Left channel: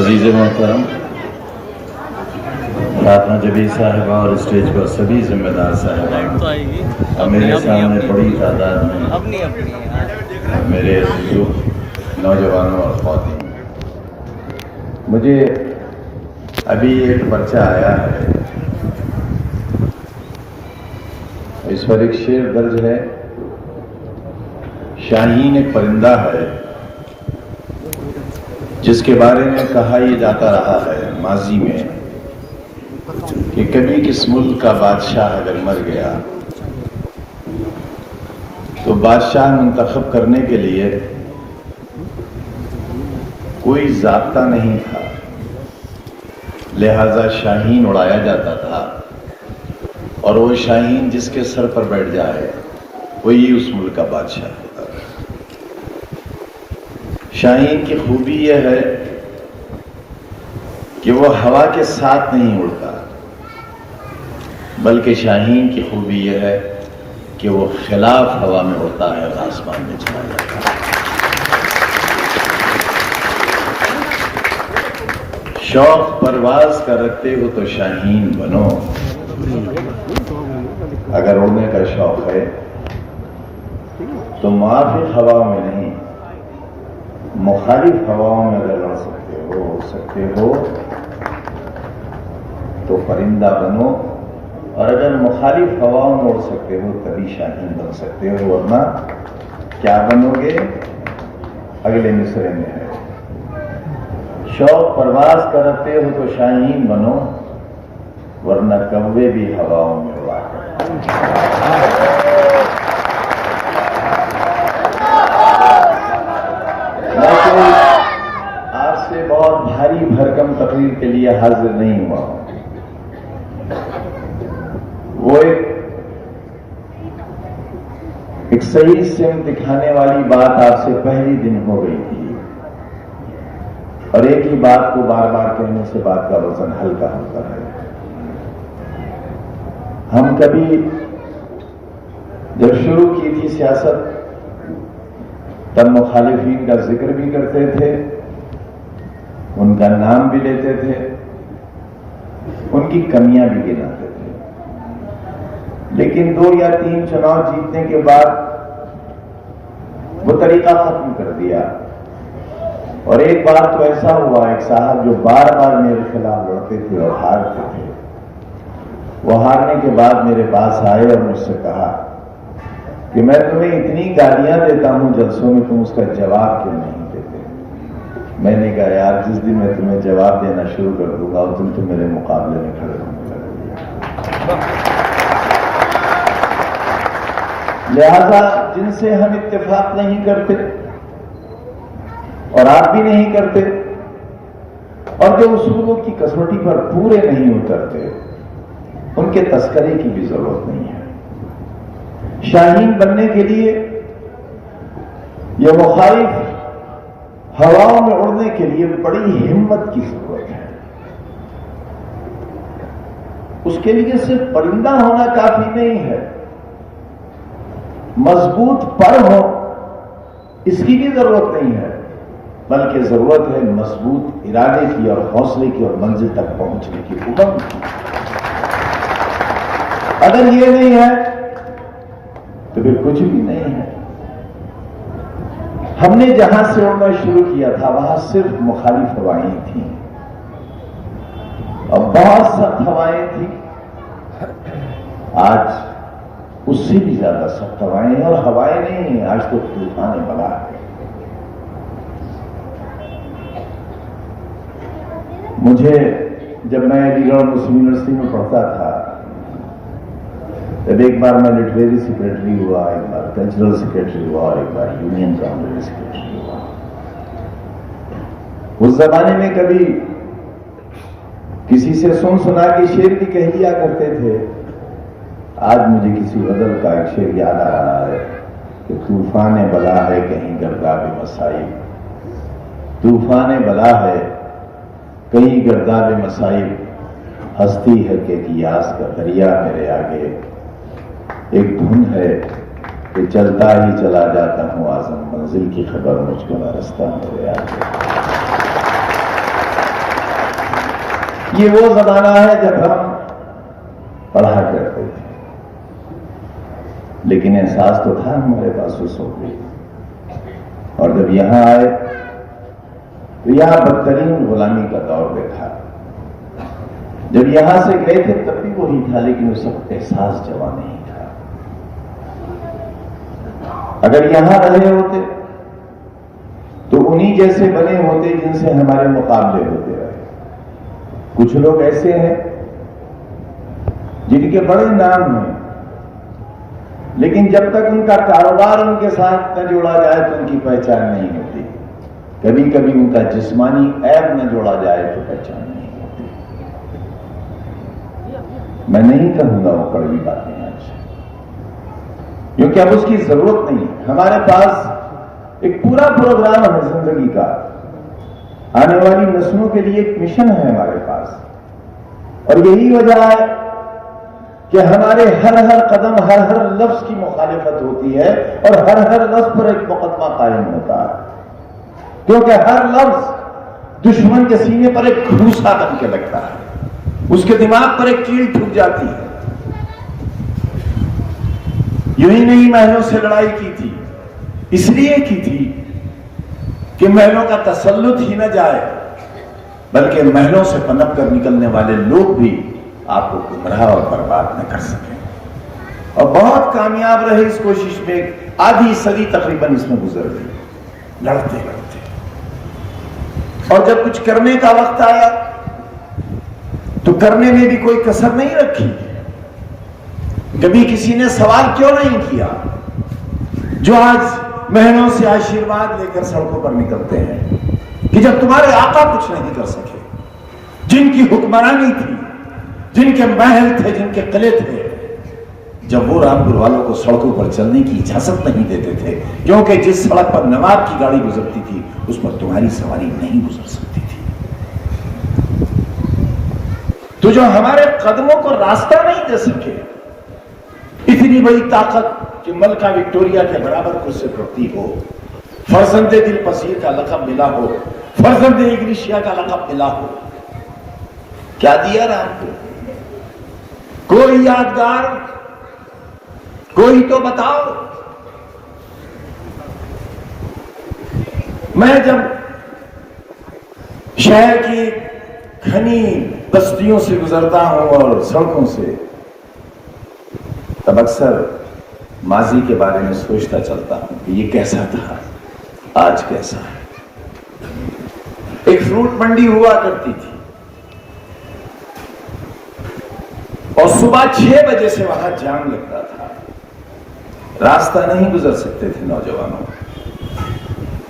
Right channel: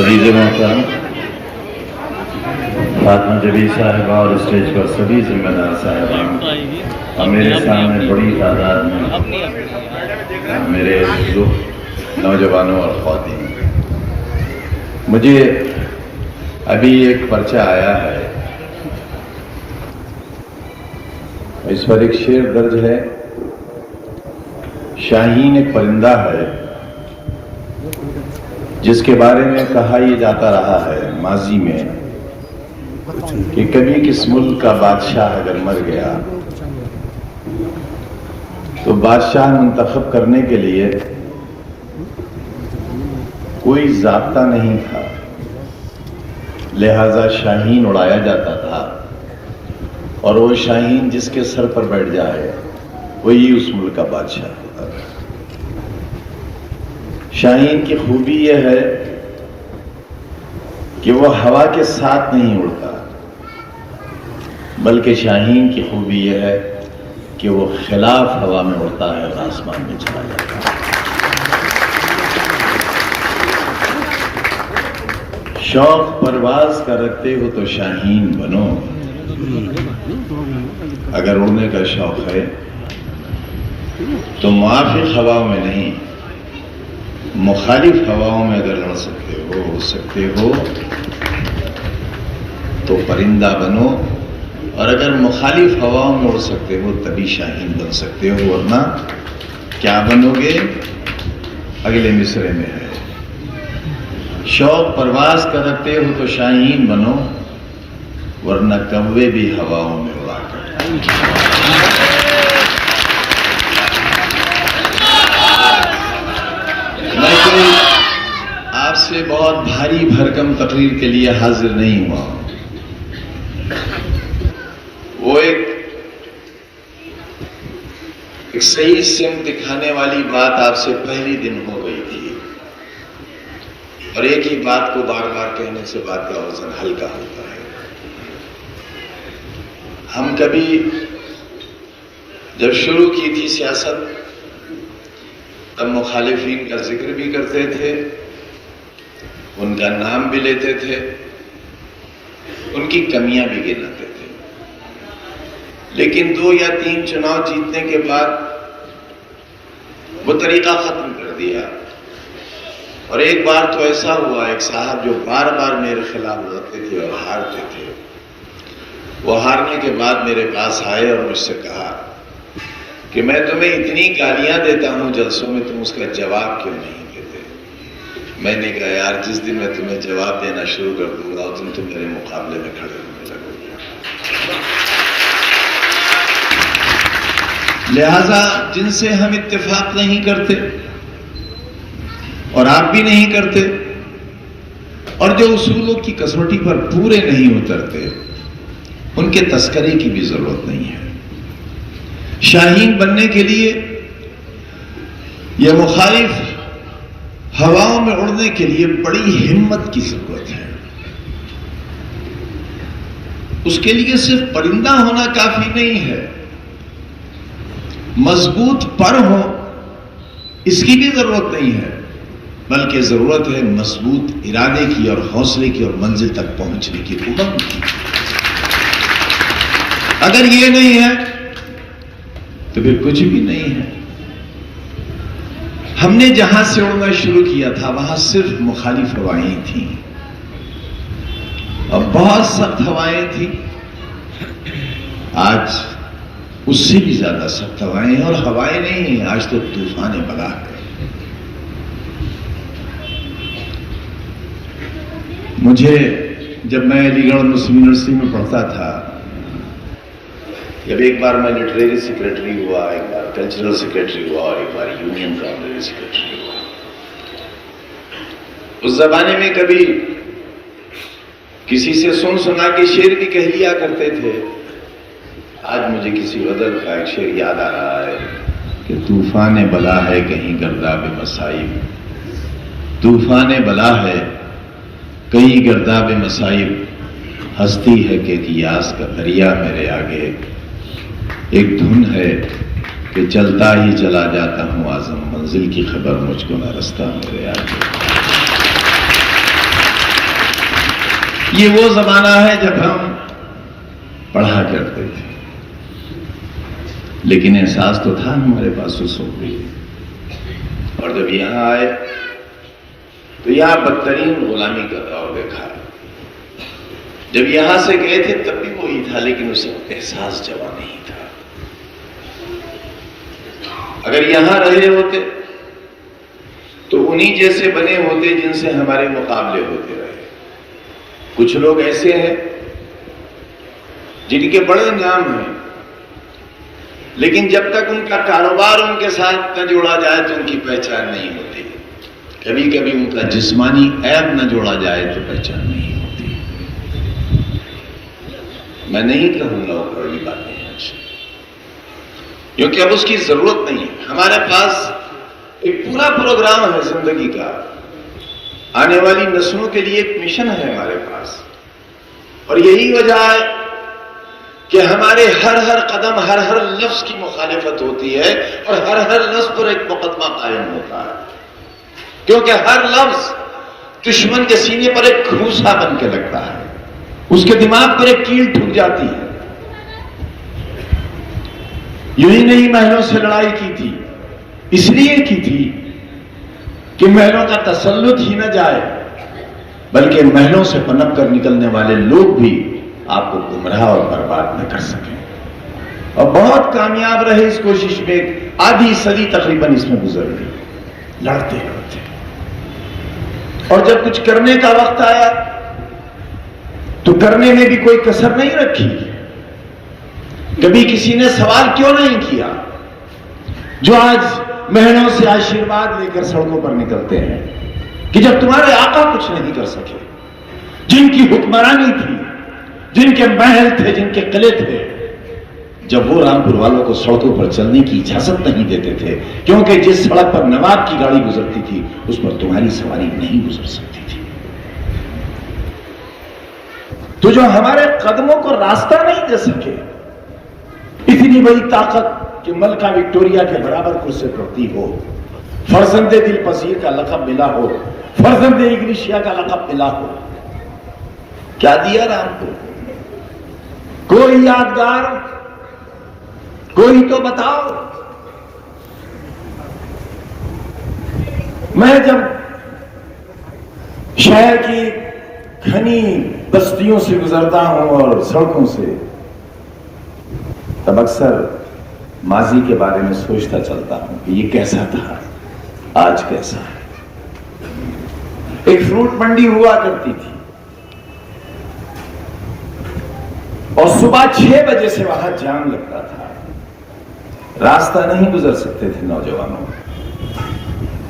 عزیز محترم فاطمہ جبی صاحبہ اور اسٹیج پر سبھی ذمہ دار صاحبان اور میرے سامنے بڑی تعداد میں میرے نوجوانوں اور خواتین، مجھے ابھی ایک پرچہ آیا ہے، اس پر ایک شعر درج ہے۔ شاہین ایک پرندہ ہے جس کے بارے میں کہا یہ جاتا رہا ہے ماضی میں کہ کبھی کس ملک کا بادشاہ اگر مر گیا تو بادشاہ منتخب کرنے کے لیے کوئی ضابطہ نہیں تھا، لہذا شاہین اڑایا جاتا تھا، اور وہ شاہین جس کے سر پر بیٹھ جائے وہی اس ملک کا بادشاہ ہوتا تھا۔ شاہین کی خوبی یہ ہے کہ وہ ہوا کے ساتھ نہیں اڑتا، بلکہ شاہین کی خوبی یہ ہے کہ وہ خلاف ہوا میں اڑتا ہے اور آسمان میں چھا جاتا ہے۔ شوق پرواز کا رکھتے ہو تو شاہین بنو، اگر اڑنے کا شوق ہے تو موافق ہواؤں میں نہیں، مخالف ہواؤں میں اگر اڑ سکتے ہو تو پرندہ بنو، اور اگر مخالف ہواؤں میں اڑ سکتے ہو تبھی شاہین بن سکتے ہو، ورنہ کیا بنو گے؟ اگلے مصرعے میں ہے، شوق پرواز کا رکھتے ہو تو شاہین بنو، ورنہ کوے بھی ہواؤں میں اڑا کر۔ میں کوئی آپ سے بہت بھاری بھرکم تقریر کے لیے حاضر نہیں ہوا ہوں، وہ ایک صحیح سمت دکھانے والی بات آپ سے پہلی دن ہو گئی تھی، اور ایک ہی بات کو بار بار کہنے سے بات کا وزن ہلکا ہوتا ہے۔ ہم کبھی جب شروع کی تھی سیاست تب مخالفین کا ذکر بھی کرتے تھے، ان کا نام بھی لیتے تھے، ان کی کمیاں بھی گناتے تھے، لیکن 2 یا 3 چناؤ جیتنے کے بعد وہ طریقہ ختم کر دیا، اور ایک بار تو ایسا ہوا، ایک صاحب جو بار بار میرے خلاف لڑتے تھے اور ہارتے تھے، وہ ہارنے کے بعد میرے پاس آئے اور مجھ سے کہا کہ میں تمہیں اتنی گالیاں دیتا ہوں جلسوں میں، تم اس کا جواب کیوں نہیں دیتے؟ میں نے کہا یار جس دن میں تمہیں جواب دینا شروع کر دوں گا اس دن تم میرے مقابلے میں کھڑے ہونے لگو گے۔ لہذا جن سے ہم اتفاق نہیں کرتے اور آپ بھی نہیں کرتے، اور جو اصولوں کی کسوٹی پر پورے نہیں اترتے، ان کے تذکرے کی بھی ضرورت نہیں ہے۔ شاہین بننے کے لیے یہ مخالف ہواؤں میں اڑنے کے لیے بڑی ہمت کی ضرورت ہے۔ اس کے لیے صرف پرندہ ہونا کافی نہیں ہے، مضبوط پر ہو اس کی بھی ضرورت نہیں ہے، بلکہ ضرورت ہے مضبوط ارادے کی اور حوصلے کی اور منزل تک پہنچنے کی، امنگ کی۔ اگر یہ نہیں ہے تو پھر کچھ بھی نہیں ہے۔ ہم نے جہاں سے اڑنا شروع کیا تھا وہاں صرف مخالف ہوائیں تھیں، اور بہت سخت ہوائیں تھیں، آج اس سے بھی زیادہ سخت ہوائیں ہیں، اور ہوائیں نہیں ہیں، آج تو طوفان بلا ہے۔ مجھے جب میں علی گڑھ مسلم یونیورسٹی میں پڑھتا تھا، جب ایک بار میں لٹریری سیکریٹری ہوا، ایک بار کلچرل سیکریٹری ہوا، اور ایک بار یونین کانگریس سیکریٹری ہوا، اس زمانے میں کبھی کسی سے سنا کے شعر بھی کہہ لیا کرتے تھے۔ آج مجھے کسی غزل کا ایک شعر یاد آ رہا ہے کہ طوفان بلا ہے کہیں گرداب مصائب، طوفان بلا ہے کہیں گرداب مصائب، ہستی ہے کہ قیاس کا دریا میرے آگے، ایک دھن ہے کہ چلتا ہی چلا جاتا ہوں اعظم، منزل کی خبر مجھ کو نہ رستہ میرے آگے۔ یہ وہ زمانہ ہے جب ہم پڑھا کرتے تھے، لیکن احساس تو تھا ہمارے پاس اس وقت بھی، اور جب یہاں آئے تو یہاں بدترین غلامی کا دور دیکھا۔ جب یہاں سے گئے تھے تب بھی وہی تھا، لیکن اس وقت احساس جوان نہیں تھا۔ اگر یہاں رہے ہوتے تو انہی جیسے بنے ہوتے جن سے ہمارے مقابلے ہوتے رہے۔ کچھ لوگ ایسے ہیں جن کے بڑے نام ہیں، لیکن جب تک ان کا کاروبار ان کے ساتھ نہ جوڑا جائے تو ان کی پہچان نہیں ہوتی۔ کبھی کبھی ان کا جسمانی عیب نہ جوڑا جائے تو پہچان نہیں ہوتی۔ میں نہیں کہوں گا وہ کڑوی باتیں آج، کیونکہ اب اس کی ضرورت نہیں ہے۔ ہمارے پاس ایک پورا پروگرام ہے زندگی کا، آنے والی نسلوں کے لیے ایک مشن ہے ہمارے پاس، اور یہی وجہ ہے کہ ہمارے ہر قدم ہر لفظ کی مخالفت ہوتی ہے، اور ہر لفظ پر ایک مقدمہ قائم ہوتا ہے، کیونکہ ہر لفظ دشمن کے سینے پر ایک گھوسا بن کے لگتا ہے، اس کے دماغ پر ایک کیل ٹھک جاتی ہے۔ یوں ہی نہیں محلوں سے لڑائی کی تھی، اس لیے کی تھی کہ محلوں کا تسلط ہی نہ جائے، بلکہ محلوں سے پنپ کر نکلنے والے لوگ بھی آپ کو گمراہ اور برباد نہ کر سکیں، اور بہت کامیاب رہے اس کوشش میں۔ آدھی صدی تقریباً اس میں گزر گئی، لڑتے لڑتے، اور جب کچھ کرنے کا وقت آیا تو کرنے میں بھی کوئی کسر نہیں رکھی۔ کبھی کسی نے سوال کیوں نہیں کیا جو آج مہینوں سے آشیرواد لے کر سڑکوں پر نکلتے ہیں کہ جب تمہارے آقا کچھ نہیں کر سکے، جن کی حکمرانی تھی، جن کے محل تھے، جن کے قلعے تھے، جب وہ رامپور والوں کو سڑکوں پر چلنے کی اجازت نہیں دیتے تھے، کیونکہ جس سڑک پر نواب کی گاڑی گزرتی تھی اس پر تمہاری سواری نہیں گزر سکتی تھی، تو جو ہمارے قدموں کو راستہ نہیں دے سکے، اتنی بڑی طاقت کہ ملکہ وکٹوریا کے برابر کرسی کرتی ہو، فرزند دل پذیر کا لقب ملا ہو، فرزند انگریشیا کا لقب ملا ہو، کیا دیا رامپور؟ کوئی یادگار، کوئی تو بتاؤ۔ میں جب شہر کی گھنی بستیوں سے گزرتا ہوں اور سڑکوں سے، تب اکثر ماضی کے بارے میں سوچتا چلتا ہوں کہ یہ کیسا تھا، آج کیسا ہے۔ ایک فروٹ منڈی ہوا کرتی تھی، اور صبح 6 بجے سے وہاں جام لگتا تھا، راستہ نہیں گزر سکتے تھے نوجوانوں۔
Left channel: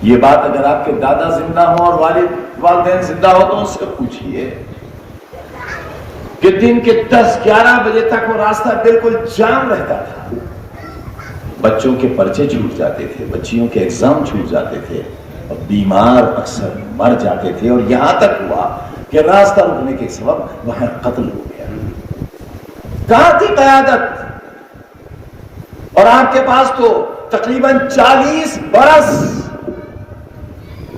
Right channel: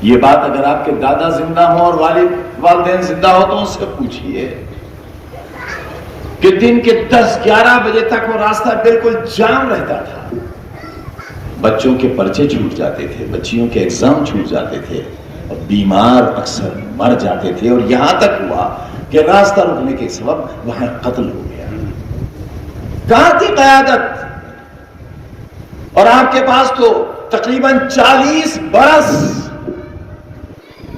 یہ بات اگر آپ کے دادا زندہ ہوں اور والدین زندہ ہو تو ان سے پوچھئے کہ دن کے 10-11 بجے تک وہ راستہ بالکل جام رہتا تھا۔ بچوں کے پرچے چھوٹ جاتے تھے، بچیوں کے ایگزام چھوٹ جاتے تھے، اور بیمار اکثر مر جاتے تھے، اور یہاں تک ہوا کہ راستہ رکنے کے سبب وہاں قتل ہو گیا۔ کہاں تھی قیادت؟ اور آپ کے پاس تو تقریباً 40 برس،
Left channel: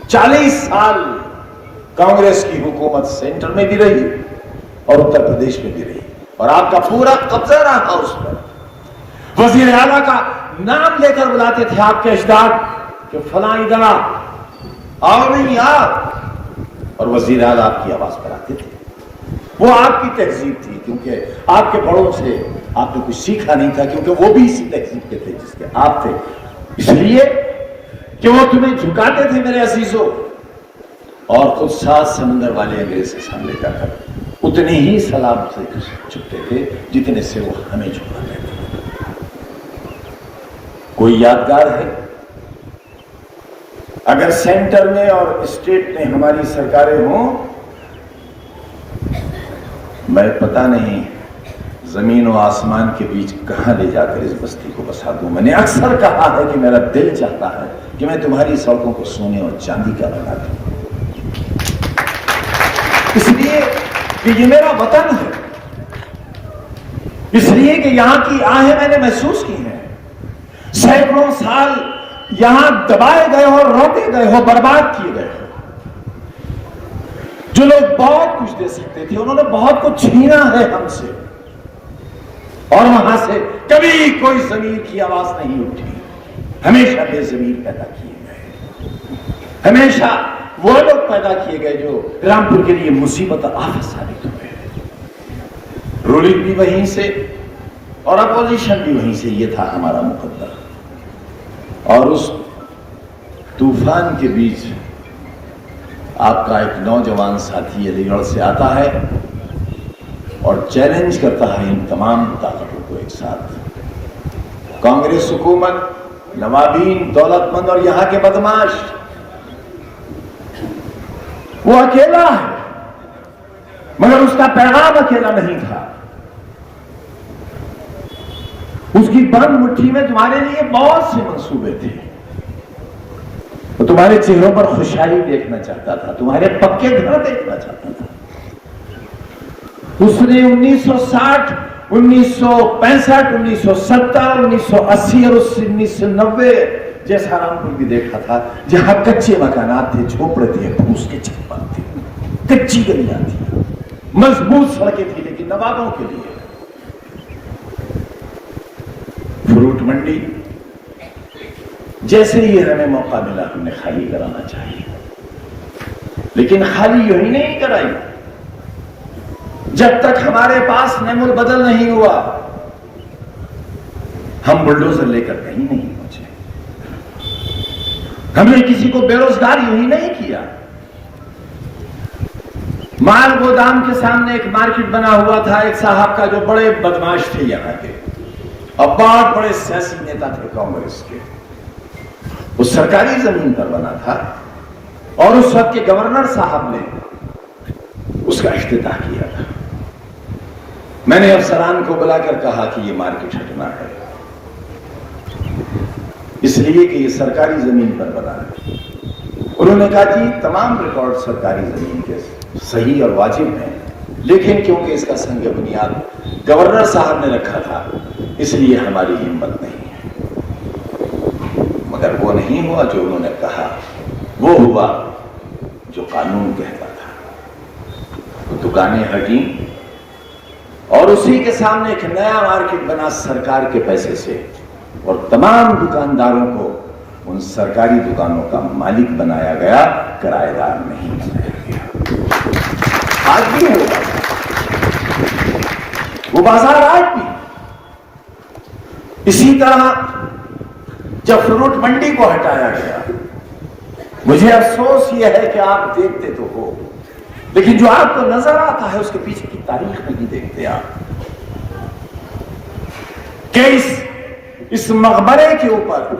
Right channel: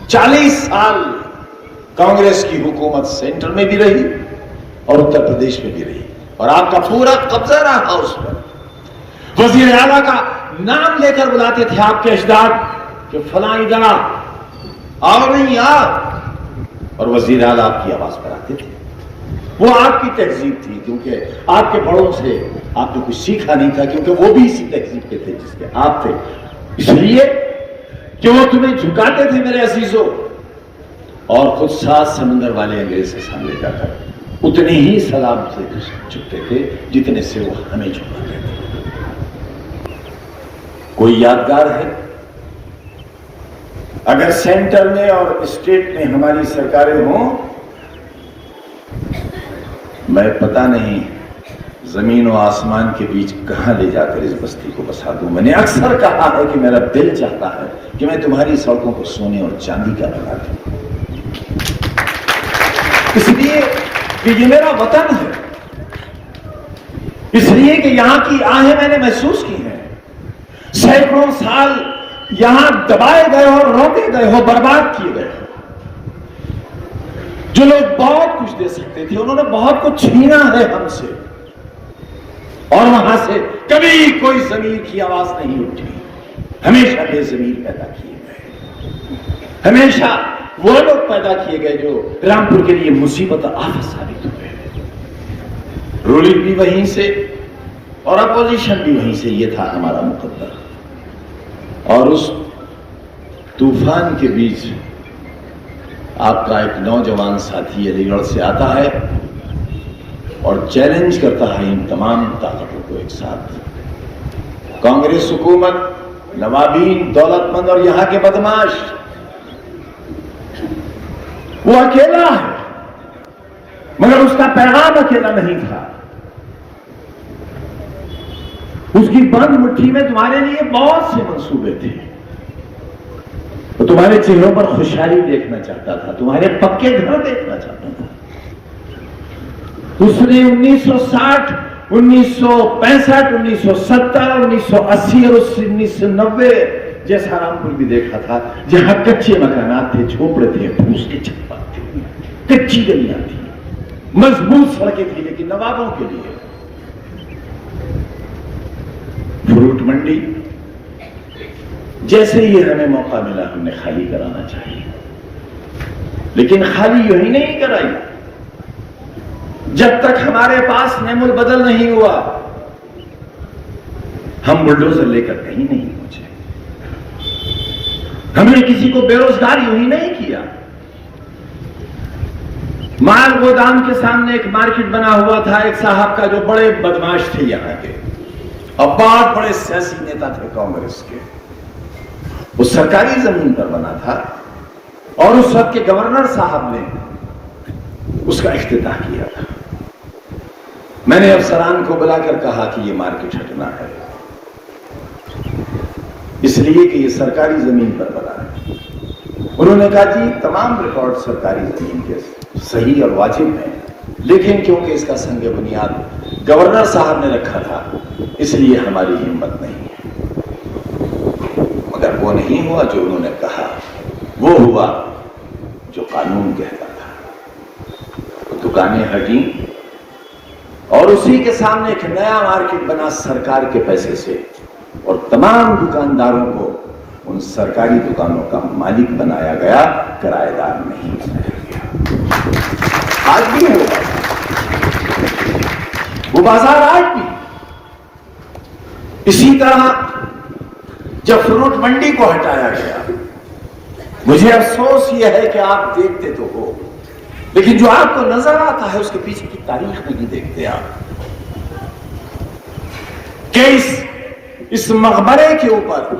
40 سال کانگریس کی حکومت سینٹر میں بھی رہی اور اتر پردیش میں بھی رہی، اور آپ کا پورا قبضہ رہا اس پر۔ وزیر اعلیٰ کا نام لے کر بلاتے تھے آپ کے اجداد کہ فلاں ادھر آؤ، نہیں آپ، اور وزیر اعلیٰ آپ کی آواز پر آتے تھے۔ وہ آپ کی تہذیب تھی، کیونکہ آپ کے بڑوں سے آپ نے کچھ سیکھا نہیں تھا، کیونکہ وہ بھی اسی تہذیب کے تھے جس کے آپ تھے، اس لیے کہ وہ تمہیں جھکاتے تھے میرے عزیزوں، اور خود 7 سمندر والے انگریز کے سامنے جا کر اتنے ہی سلام سے جھکتے تھے جتنے سے وہ ہمیں جھکاتے تھے۔ کوئی یادگار ہے؟ اگر سینٹر میں اور اسٹیٹ میں ہماری سرکاریں ہوں، میں پتہ نہیں زمین و آسمان کے بیچ کہاں لے جا کر اس بستی کو بسا دوں۔ میں نے اکثر کہا ہے کہ میرا دل چاہتا ہے کہ میں تمہاری سڑکوں کو سونے اور چاندی کا بنا دوں، اس لیے کہ یہ میرا وطن ہے، اس لیے کہ یہاں کی آہیں میں نے محسوس کی ہیں۔ سینکڑوں سال یہاں دبائے گئے ہو، روکے گئے ہو، برباد کیے گئے ہو۔ جو لوگ بہت بہت کچھ دے سکتے تھے، انہوں نے بہت کچھ چھینا ہے ہم سے، اور وہاں سے کبھی کوئی ضمیر کی آواز نہیں اٹھی. ہمیشہ بے ضمیر پیدا کیے گئے، ہمیشہ وہ لوگ پیدا کیے گئے جو رامپور کے لیے مصیبت اور آفت ثابت ہوئے. رولنگ بھی وہیں سے اور اپوزیشن بھی وہیں سے، یہ تھا ہمارا مقدر. اور اس طوفان کے بیچ آپ کا ایک نوجوان ساتھی علی گڑھ سے آتا ہے اور چیلنج کرتا ہے ان تمام طاقتوں کو ایک ساتھ. کانگریس حکومت، نوابین، دولت مند اور یہاں کے بدماش، وہ اکیلا ہے، مگر اس کا پیغام اکیلا نہیں تھا. اس کی بند مٹھی میں تمہارے لیے بہت سے منصوبے تھے. وہ تمہارے چہروں پر خوشحالی دیکھنا چاہتا تھا، تمہارے پکے گھر دیکھنا چاہتا تھا. اس نے 1960، 1965، 1970، 1980 اور 1990 جیسا رامپور بھی دیکھا تھا، جہاں کچے مکانات تھے، جھوپڑے تھے، پھوس کے چھپر تھے، کچی گلیاں تھیں، مضبوط سڑکیں تھیں لیکن نوابوں کے لیے. فروٹ منڈی جیسے ہی ہمیں موقع ملا ہم نے خالی کرانا چاہیے، لیکن خالی یہی نہیں کرائی. جب تک ہمارے پاس نعم البدل نہیں ہوا ہم بلڈوزر لے کر کہیں نہیں پہنچے. ہم نے کسی کو بے روزگار یہی نہیں کیا. مال گودام کے سامنے ایک مارکیٹ بنا ہوا تھا ایک صاحب کا جو بڑے بدماش تھے یہاں کے اور بہت بڑے سیاسی نیتا تھے کانگریس کے. وہ سرکاری زمین پر بنا تھا اور اس وقت کے گورنر صاحب نے اس کا افتتاح کیا تھا. میں نے افسران کو بلا کر کہا کہ یہ مارکیٹ ہٹنا ہے، اس لیے کہ یہ سرکاری زمین پر بنا ہے. انہوں نے کہا کہ تمام ریکارڈ سرکاری زمین کے صحیح اور واجب ہیں، لیکن کیونکہ اس کا سنگ بنیاد گورنر صاحب نے رکھا تھا اس لیے ہماری ہمت نہیں ہے. مگر وہ نہیں ہوا جو انہوں نے کہا، وہ ہوا جو قانون کہتا تھا. دکانیں ہٹیں اور اسی کے سامنے ایک نیا مارکیٹ بنا سرکار کے پیسے سے، اور تمام دکانداروں کو ان سرکاری دکانوں کا مالک بنایا گیا، کرایہ دار نہیں بنایا گیا. آج بھی ہوگا وہ بازار، آج بھی. اسی طرح جب فروٹ منڈی کو ہٹایا گیا، مجھے افسوس یہ ہے کہ آپ دیکھتے تو ہو لیکن جو آپ کو نظر آتا ہے اس کے پیچھے کی تاریخ نہیں دیکھتے آپ. کہ اس مقبرے کے اوپر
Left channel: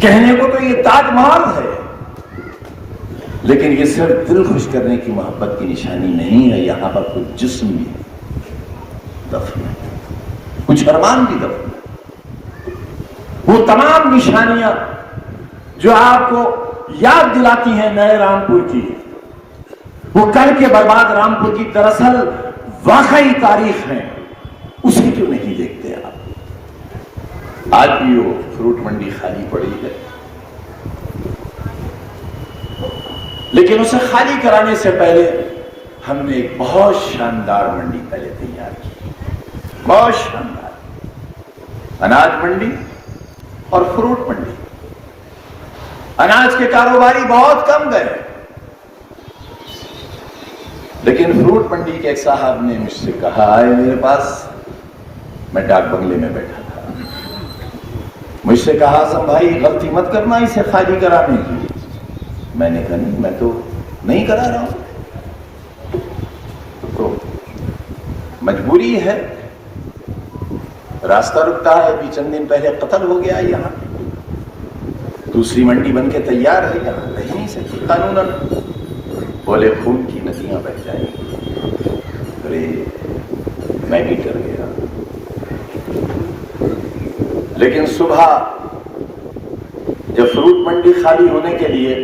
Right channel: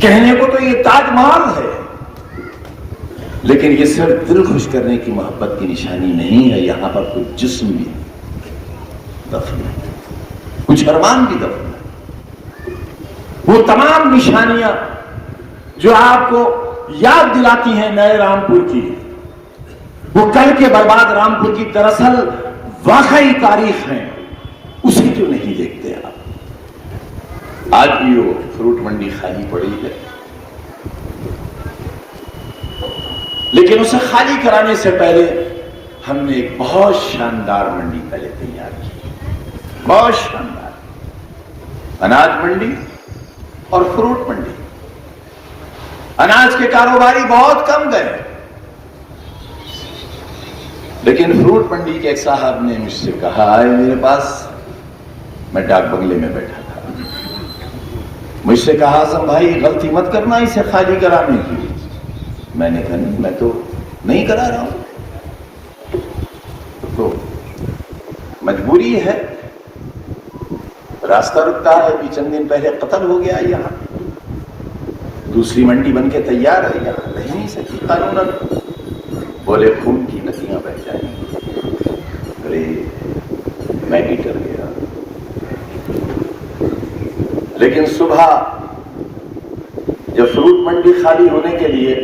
کہنے کو تو یہ تاج محل ہے، لیکن یہ صرف دل خوش کرنے کی محبت کی نشانی نہیں ہے. یہاں پر کچھ جسم بھی دفن ہے، کچھ ارمان بھی دفن ہے. وہ تمام نشانیاں جو آپ کو یاد دلاتی ہیں نئے رامپور کی، وہ کل کے برباد رامپور کی دراصل واقعی تاریخ ہے، اسے کیوں نہیں دیکھتے آپ؟ آج بھی وہ فروٹ منڈی خالی پڑی ہے، لیکن اسے خالی کرانے سے پہلے ہم نے ایک بہت شاندار منڈی پہلے تیار کی، بہت شاندار. اناج منڈی اور فروٹ منڈی. اناج کے کاروباری بہت کم گئے، لیکن فروٹ منڈی کے ایک صاحب نے مجھ سے کہا، آئے میرے پاس، میں ڈاک بنگلے میں بیٹھا تھا، مجھ سے کہا اعظم بھائی غلطی مت کرنا اسے خالی کرانے کی. میں نے کہا نہیں، میں تو نہیں کرا رہا ہوں، تو مجبوری ہے، راستہ رکتا ہے. ابھی چند دن پہلے قتل ہو گیا یہاں، دوسری منڈی بن کے تیار ہے، رہ نہیں سکتی قانون. بولے خون کی ندیاں بہ جائیں گی، میں بھی کر لے رہا. لیکن صبح جب فروٹ منڈی خالی ہونے کے لیے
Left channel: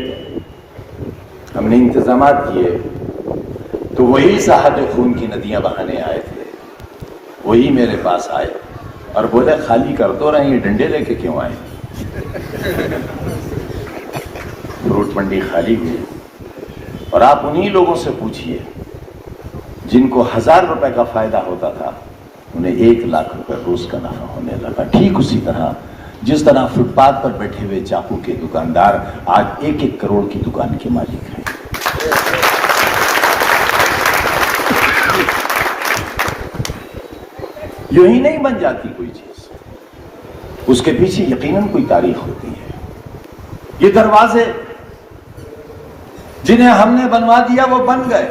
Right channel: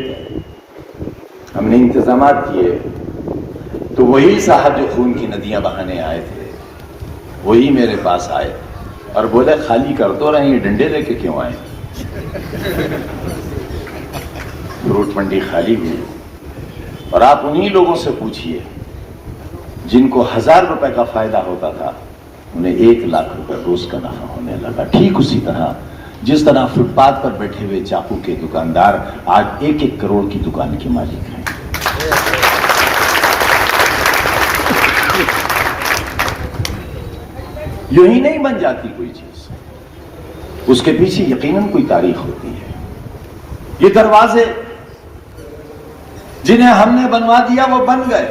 ہم نے انتظامات کیے تو وہی صاحب جو خون کی ندیاں بہانے آئے تھے وہی میرے پاس آئے اور بولے خالی کر دو رہے، یہ ڈنڈے لے کے کیوں آئے؟ فروٹ منڈی خالی ہوئی اور آپ انہی لوگوں سے پوچھئے جن کو 1000 روپے کا فائدہ ہوتا تھا انہیں 1 لاکھ روپے روز کا نفع ہونے لگا. ٹھیک اسی طرح جس طرح فٹ پاتھ پر بیٹھے ہوئے چاقو کے دکاندار آج 1-1 کروڑ کی دکان کے مالک ہیں. یہی نہیں بن جاتی کوئی چیز, اس کے پیچھے یقیناً کوئی تاریخ ہوتی ہے. یہ دروازے جنہیں ہم نے بنوا دیا وہ بن گئے.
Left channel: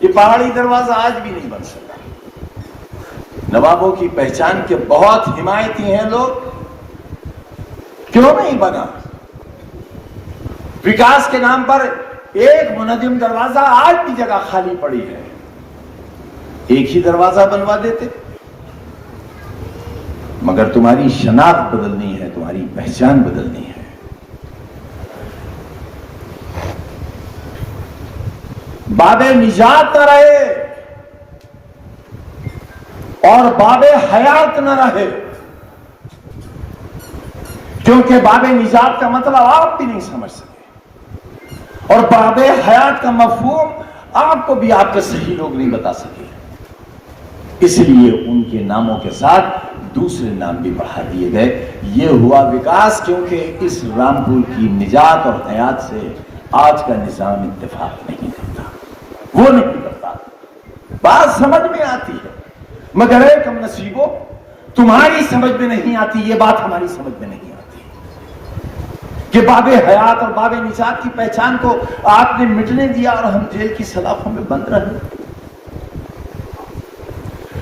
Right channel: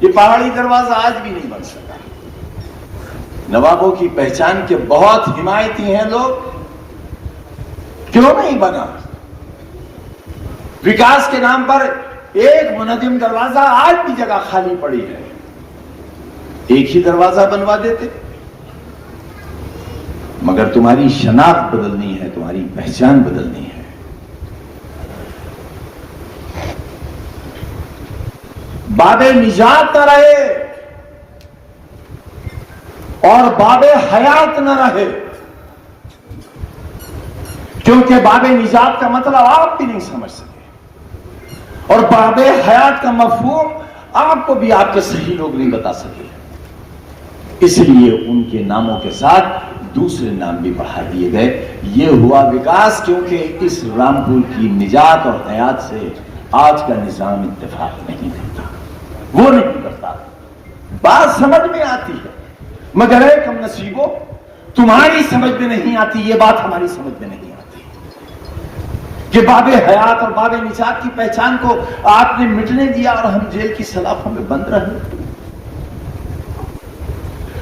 یہ پہاڑی دروازہ آج بھی نہیں بن سکا. نوابوں کی پہچان کے بہت حمایتی ہیں لوگ, کیوں نہیں بنا؟ وکاس کے نام پر ایک منظم دروازہ آج بھی جگہ خالی پڑی ہے, ایک ہی دروازہ بنوا دیتے. مگر تمہاری شناخت بدلنی ہے, تمہاری پہچان بدلنی ہے. باب نجات نہ رہے اور باب حیات نہ رہے, کیونکہ باب نجات کا مطلب آپ بھی نہیں سمجھ سکے اور باب حیات کا مفہوم آپ کو بھی آپ کے صحیح لوگ نہیں بتا سکے. اس لیے ان کے ناموں کے ساتھ دوسرے نام بھی بڑھا دیے گئے. یہ ہوا وکاس کیونکہ اس رامپور کی نجات اور حیات سے آج کا نظام اتفاق نہیں دیتا, وہ نہیں کرتا. بات سمجھ میں آتی ہے مگر اے کم نصیبو, تمہاری سمجھ میں نہیں آتی, یہ بات ہماری سمجھ میں نہیں آتی کہ باب حیات اور باب نجات کی پہچان کو آپ نے مٹنے دیا اور ہم جیل کی سلاخوں میں بند رہے.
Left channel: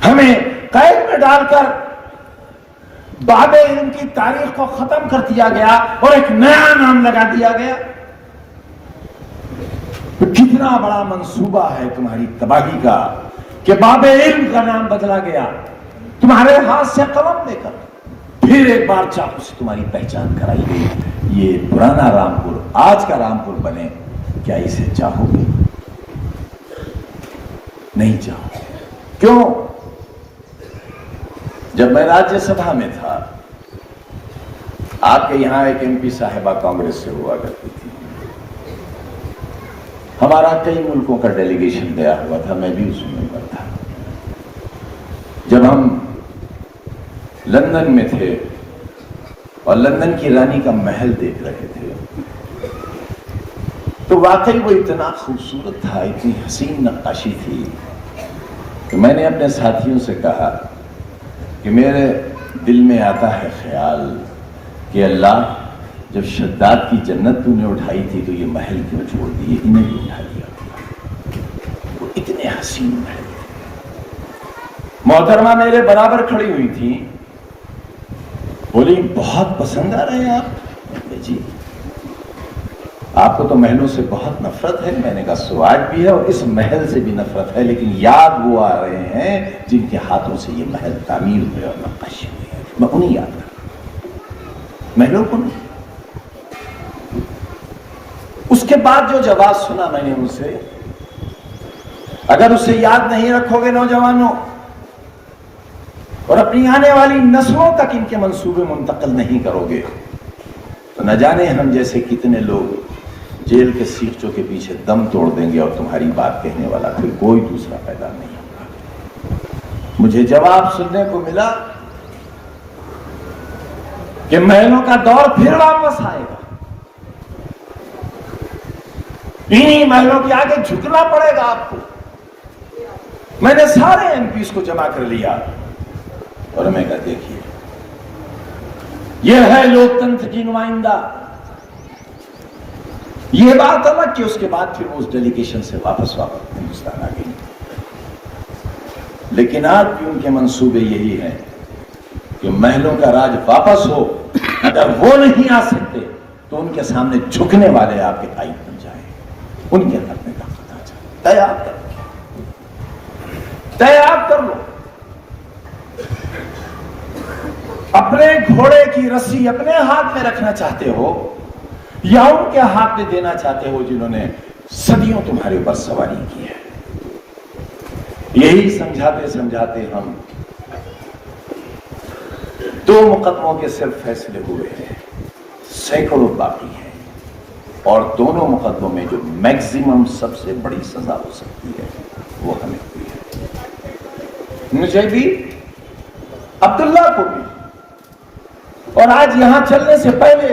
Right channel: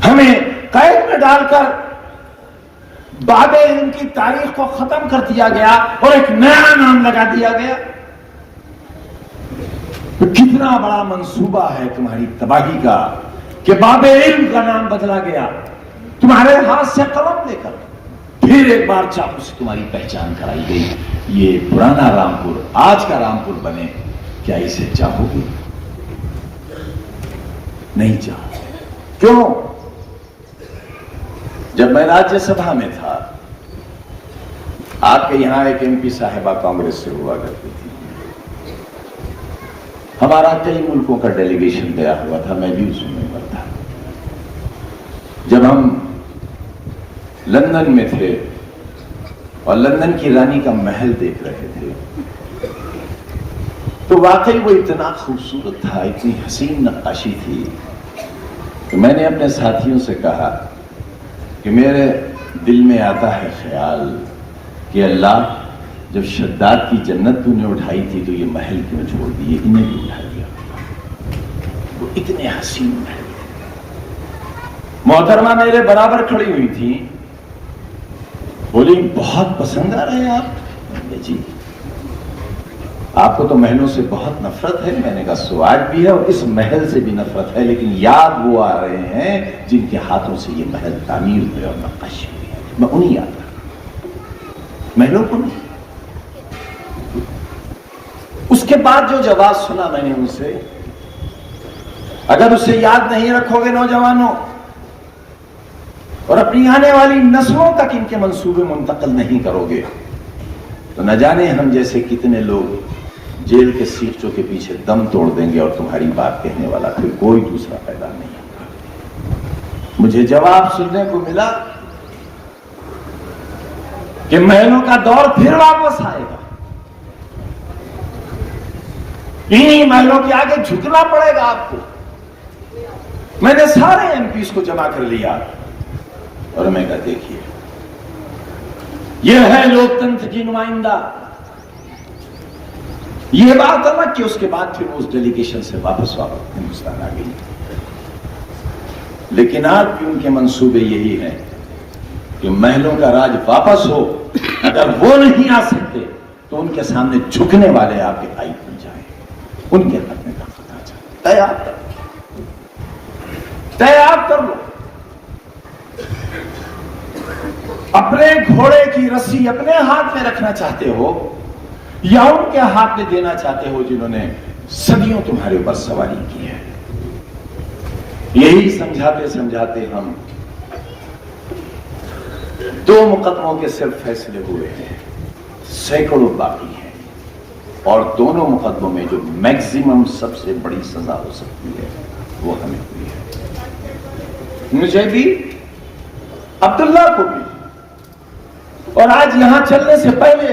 ہمیں قید میں ڈال کر باب علم کی تاریخ کو ختم کر دیا گیا اور ایک نیا نام لگا دیا گیا. کتنا بڑا منصوبہ ہے تمہاری تباہی کا کہ باب علم کا نام بدلا گیا, تمہارے ہاتھ سے قلم لے کر پھر ایک بار چاقو سے تمہاری پہچان کرائی گئی. یہ پرانا رامپور آج کا رامپور بنے, کیا اسے چاہو گے؟ نہیں چاہو. کیوں؟ جب میں راجیہ سبھا میں تھا, آپ کے یہاں ایک MP صاحبہ کانگریس سے ہوا کرتی تھی. ہمارا کئی ملکوں کا ڈیلیگیشن گیا ہوا تھا, میں بھی اس میں ہوا تھا. جب ہم لندن میں تھے اور لندن کی رانی کا محل دیکھ رہے تھے تو واقعی وہ اتنا خوبصورت تھا, اتنی حسین نقاشی تھی کہ میں نے اپنے ساتھیوں سے کہا کہ میرے دل میں آتا ہے خیال کہ اللہ جب شداد کی جنت تو نے اٹھائی تھی تو یہ محل کیوں چھوڑ دیے, انہیں بھی اٹھا دیا. وہ اتنے حسین محل. محترمہ میرے برابر کھڑی ہوئی تھی, بولی بہت پسند آ رہے ہیں آپ. جی آپ کو تو محلوں سے بہت نفرت ہے. میں نے کہا سواج بھی ہے اور اس محل سے بھی نفرت ہے, لیکن یاد وہ آ رہے ہیں جن کے ہاتھوں سے یہ محل تعمیر ہوئے اور نقاشی ہوئی. میں انہیں یاد محلوں کو نہیں. اس کے بعد جو جواب سنا میں نے ان سے, اگر اسے یاد نہیں رکھو گے نوجوانوں اور اپنی آنے والی نسلوں تک ان کے منصوبے منتقل نہیں کرو گے تو نہ جانے ہم جیسے کتنے لوگ جیل کے سیخچوں کے پیچھے دم توڑ دیں گے اور تمہاری بات کہنے والا پھر کوئی دوسرا پیدا نہیں ہوگا. مجھے جواب سننے کو ملا کہ محلوں کا دور پھر واپس آئے گا, انہی محلوں کے آگے جھکنا پڑے گا آپ کو. میں نے سارے MPs کو جمع کر لیا اور میں کہا دیکھیے یہ ہے لوک تنتر کی نمائندہ. یہ بات الگ کہ اس کے بعد پھر اس ڈیلیگیشن سے واپس ہندوستان آ گئی, لیکن آج بھی ان کے منصوبے یہی ہیں کہ محلوں کا راج واپس ہو. اگر وہ نہیں آ سکتے تو ان کے سامنے جھکنے والے آپ کے بھائی بن جائیں, ان کے حق میں تیار کر لو. اپنے گھوڑے کی رسی اپنے ہاتھ میں رکھنا چاہتے ہو یا ان کے ہاتھ میں دینا چاہتے ہو جنہوں نے صدیوں تمہارے اوپر سواری کی ہے. یہی سمجھاتے سمجھاتے ہم 2 مقدموں کے صرف فیصلے ہوئے ہیں, سینکڑوں باقی ہیں. اور دونوں مقدموں میں جو میکزیمم سب سے بڑی سزا ہو سکتی ہے وہ ہمیں ہوئی ہے، مجھے بھی عبداللہ کو بھی، اور آج یہاں چلنے سے پہلے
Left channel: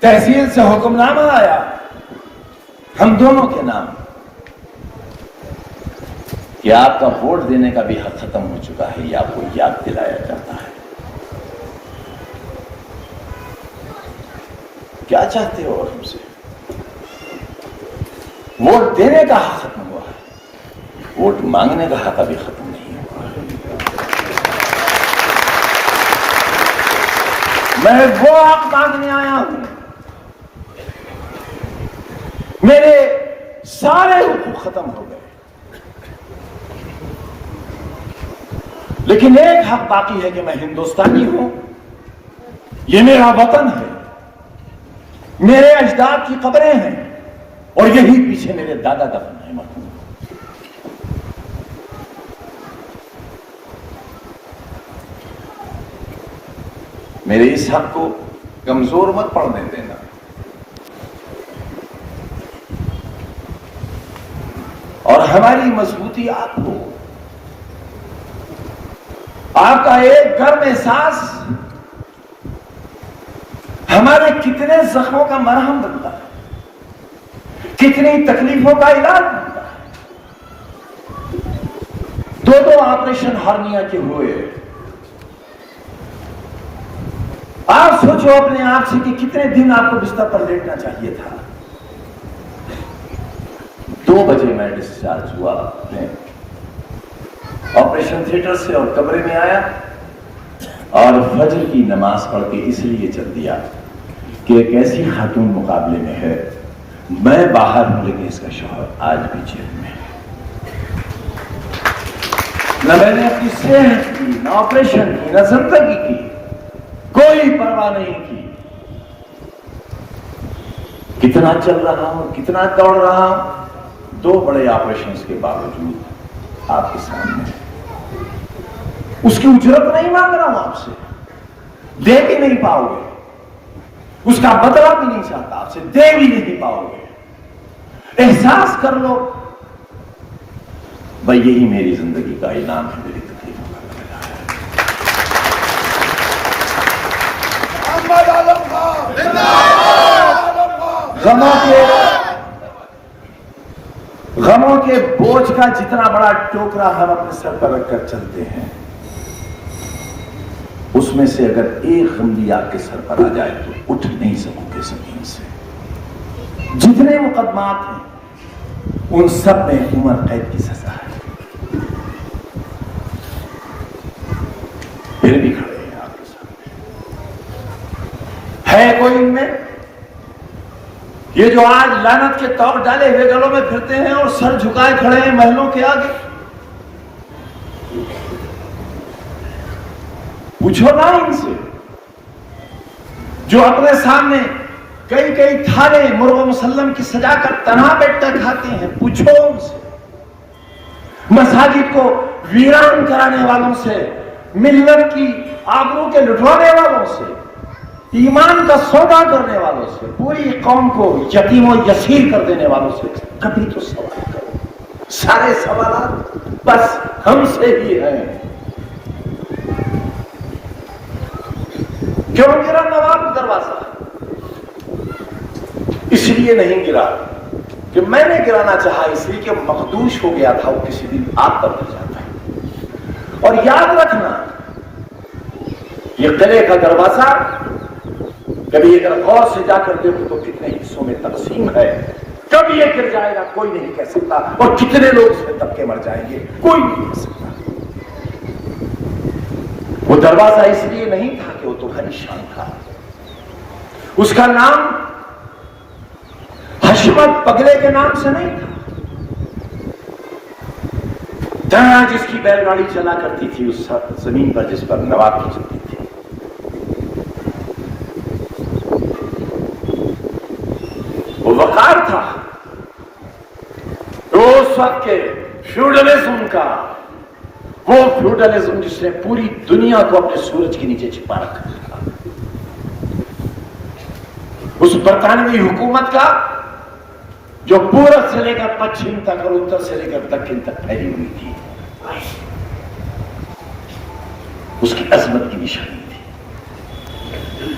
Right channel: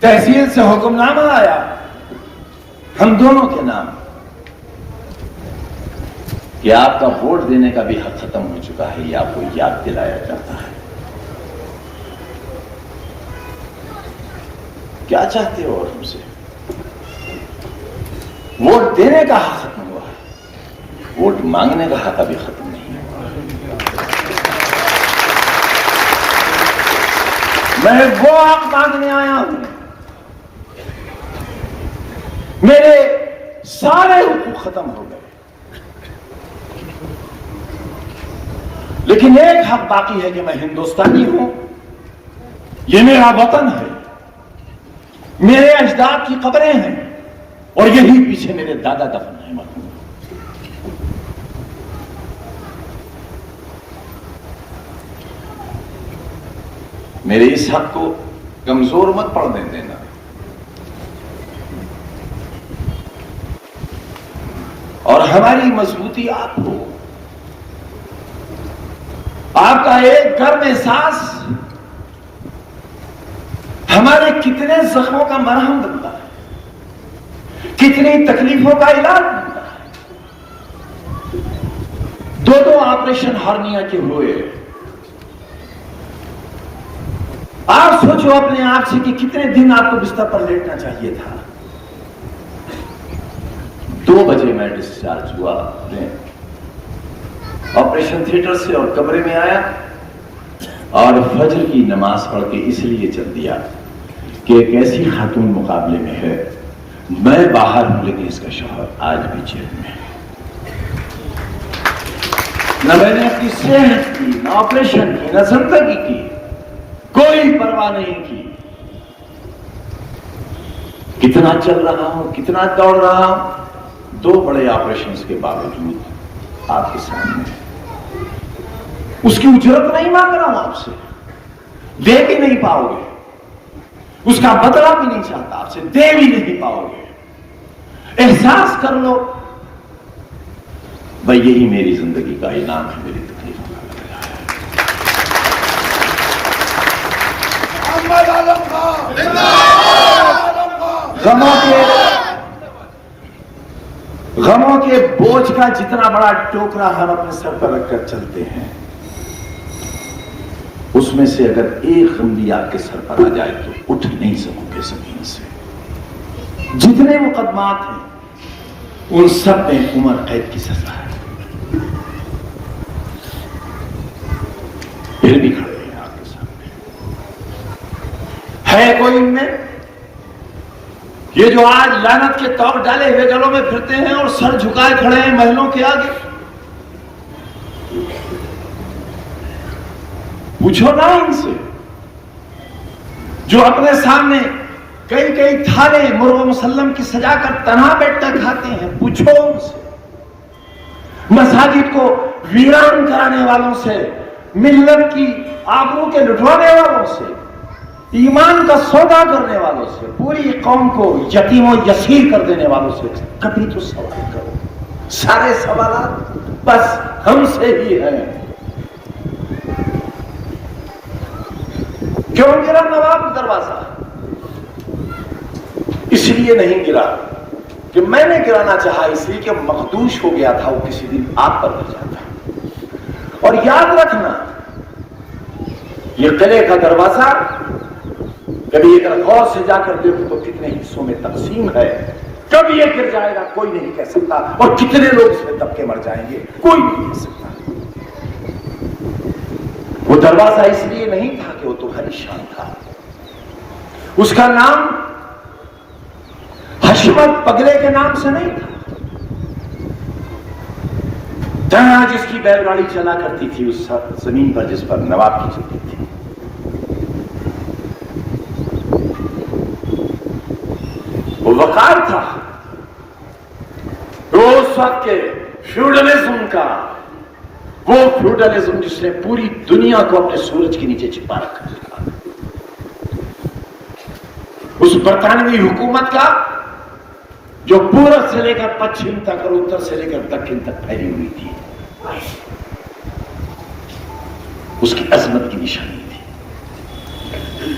تحصیل سے حکم نامہ آیا ہم دونوں کے نام کہ آپ کا ووٹ دینے کا بھی حق ختم ہو چکا ہے، یہ آپ کو یاد دلایا جاتا ہے۔ کیا چاہتے ہو ہم سے؟ ووٹ دینے کا حق ختم ہوا ہے، ووٹ مانگنے کا حق ابھی ختم نہیں ہے۔ میں وہ حق مانگنے آیا ہوں، میرے سارے حقوق ختم ہو گئے، لیکن ایک حق باقی ہے کہ میں ہندوستانی ہوں، یہ میرا وطن ہے، میرے اجداد کی قبریں ہیں، اور یہی پیچھے میرے دادا دفن ہیں۔ میرے اس حق کو کمزور مت پڑنے دینا۔ اور ہماری مضبوطی آپ کو، آپ کا ایک گرم احساس ہمارے کتنے زخموں کا مرہم بنتا ہے، کتنی تکلیفوں کا علاج بنتا ہے۔ دو آپریشن ہرنیا کے ہوئے، آپ سوچو اپنے آپ سے کہ کتنے دن آپ کو بستر پر لیٹنا چاہیے تھا۔ 2 بجے میں ڈسچارج ہوا اپنے آپریشن تھیٹر سے اور کمرے میں آیا، اور فجر کی نماز پڑھ کے اس لیے چل دیا کہ ایک ایسی خاتون مقابلے میں ہے، میں باہر ہوں لیکن اس کا شوہر آج بھی جیل میں ہے۔ نہ میں نے اپنی صحت کی، نہ آپریشن کی، نہ زندگی کی کوئی پرواہ نہیں کی۔ کتنا چل رہا ہوں، کتنا دوڑ رہا ہوں، 2 بڑے آپریشنز کے باوجود آپ کے سامنے اس کی اجرت نہیں مانگ رہا ہوں، آپ سے دے بھی نہیں پاؤ گے، اس کا بدلہ بھی نہیں چاہتا، آپ سے دے بھی نہیں پاؤ گے۔ احساس کر لو بھائی، یہی میری زندگی کا انعام ہے، میری تکلیف۔ غموں کے بوجھ کا جتنا بڑا ٹوکرا ہم اپنے سر پر رکھ کر چلتے ہیں، اس میں سے اگر ایک غم بھی آپ کے سر پر آ جائے تو اٹھ نہیں سکو گے زمین سے۔ جتنے مقدمات ہیں ان سب میں عمر قید کی سزا ہے، پھر بھی کھڑے ہیں آپ کے سامنے۔ ہے کوئی ان میں یہ جو آج لعنت کے طور ڈالے ہوئے گلوں میں پھرتے ہیں اور سر جھکائے کھڑے ہیں محلوں کے آگے؟ پوچھو نا ان سے، جو اپنے سامنے کئی کئی تھالے مرغ مسلم کی سجا کر تنہا بیٹھ کر کھاتے ہیں، پوچھو ان سے۔ مساجد کو ویران کرانے والوں سے، ملت کی آبرو کے لٹوانے والوں سے، ایمان کا سودا کرنے والوں سے، پوری قوم کو یتیم و یسیر کر دینے والوں سے کبھی تو سوال کرو۔ سارے سوالات بس ہم سے ہی ہیں۔ کیوں گرا نواب دروازہ؟ اس لیے نہیں گرا کہ میں نے گرانا چاہا، اس لیے کہ مخدوش ہو گیا تھا، وہ کسی دن آپ پر گر جاتا۔ اور یاد رکھنا، یہ قلعے کا دروازہ کبھی اگر غور سے جا کر دیکھو تو کتنے حصوں میں تقسیم ہے، کب یہ گر جائے گا کوئی نہیں کہہ سکتا، اور کتنے لوگ اس میں دب کے مر جائیں گے کوئی نہیں کہہ سکتا۔ وہ دروازہ اس لیے نہیں تھا کہ وہ تمہاری شان تھا، اس کا نام حشمت پگلے کے نام سے نہیں تھا۔ جہاں جس کی بیل گاڑی چلا کرتی تھی اس زمین پر جس پر نواب کی چلتی تھی، وہ وقار تھا، اس وقت کے فیوڈلزم کا، وہ فیوڈلزم جس نے پوری دنیا کو اپنے سورج کے نیچے چھپا رکھا تھا۔ اس برطانوی حکومت کا جو پورب سے لے کر پچھم تک اور اتر سے لے کر دکن تک پھیلی ہوئی تھی، اس کی عظمت کی نشانی تھی،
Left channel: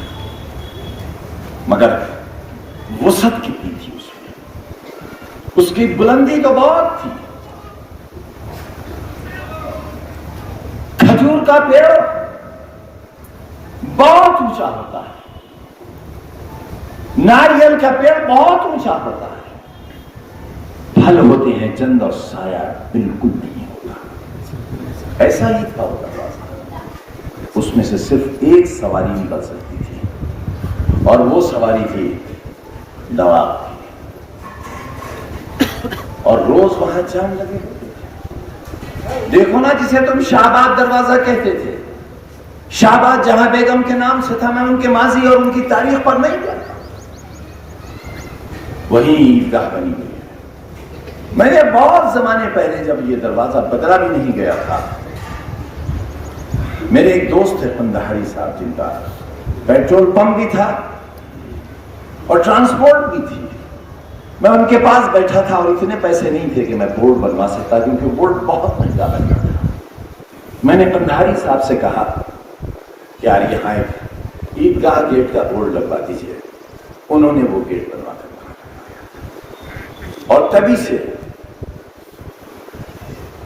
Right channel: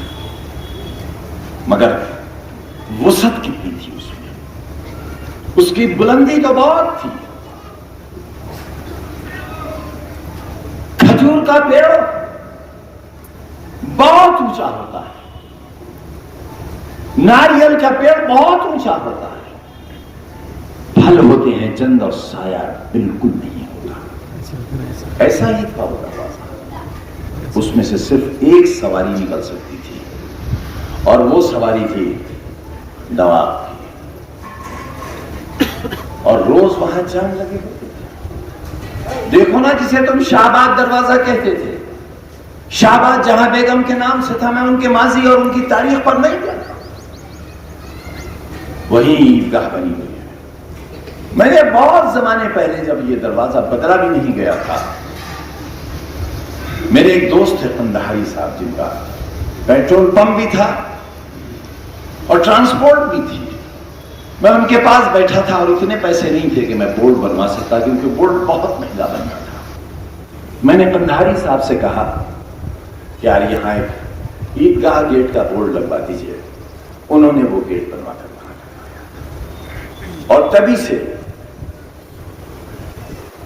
مگر وسعت کتنی تھی اس میں، اس کی بلندی تو بہت تھی۔ کھجور کا پیڑ بہت اونچا ہوتا ہے، ناریل کا پیڑ بہت اونچا ہوتا ہے، پھل ہوتے ہیں چند اور سایہ بالکل نہیں ہوتا۔ ایسا ہی تھا وہ دروازہ، اس میں سے صرف ایک سواری نکل سکتی تھی اور وہ سواری تھی نواب، اور روز وہاں جام لگے ہوتے تھے۔ دیکھو نا، جسے تم شہباز دروازہ کہتے تھے، شہباز جہاں بیگم کے نام سے تھا، میں ان کے ماضی اور ان کی تاریخ پر نہیں جاتا، وہی عیدگاہ بنی ہوئی ہے۔ میں نے بہت زمانے پہلے جب یہ دروازہ بدلا بھی نہیں گیا تھا، میرے ایک دوست ہے قندہاری صاحب، جن کا پیٹرول پمپ بھی تھا اور ٹرانسپورٹ بھی تھی، میں ان کے پاس بیٹھا تھا اور اتنے پیسے نہیں تھے کہ میں بورڈ بنوا سکتا، کیونکہ بورڈ بہت مہنگا بن رہا تھا۔ میں نے قندہاری صاحب سے کہا کہ یار یہاں ایک عیدگاہ گیٹ کا بورڈ لگوا دیجیے، انہوں نے وہ گیٹ بنوا کر، اور تبھی سے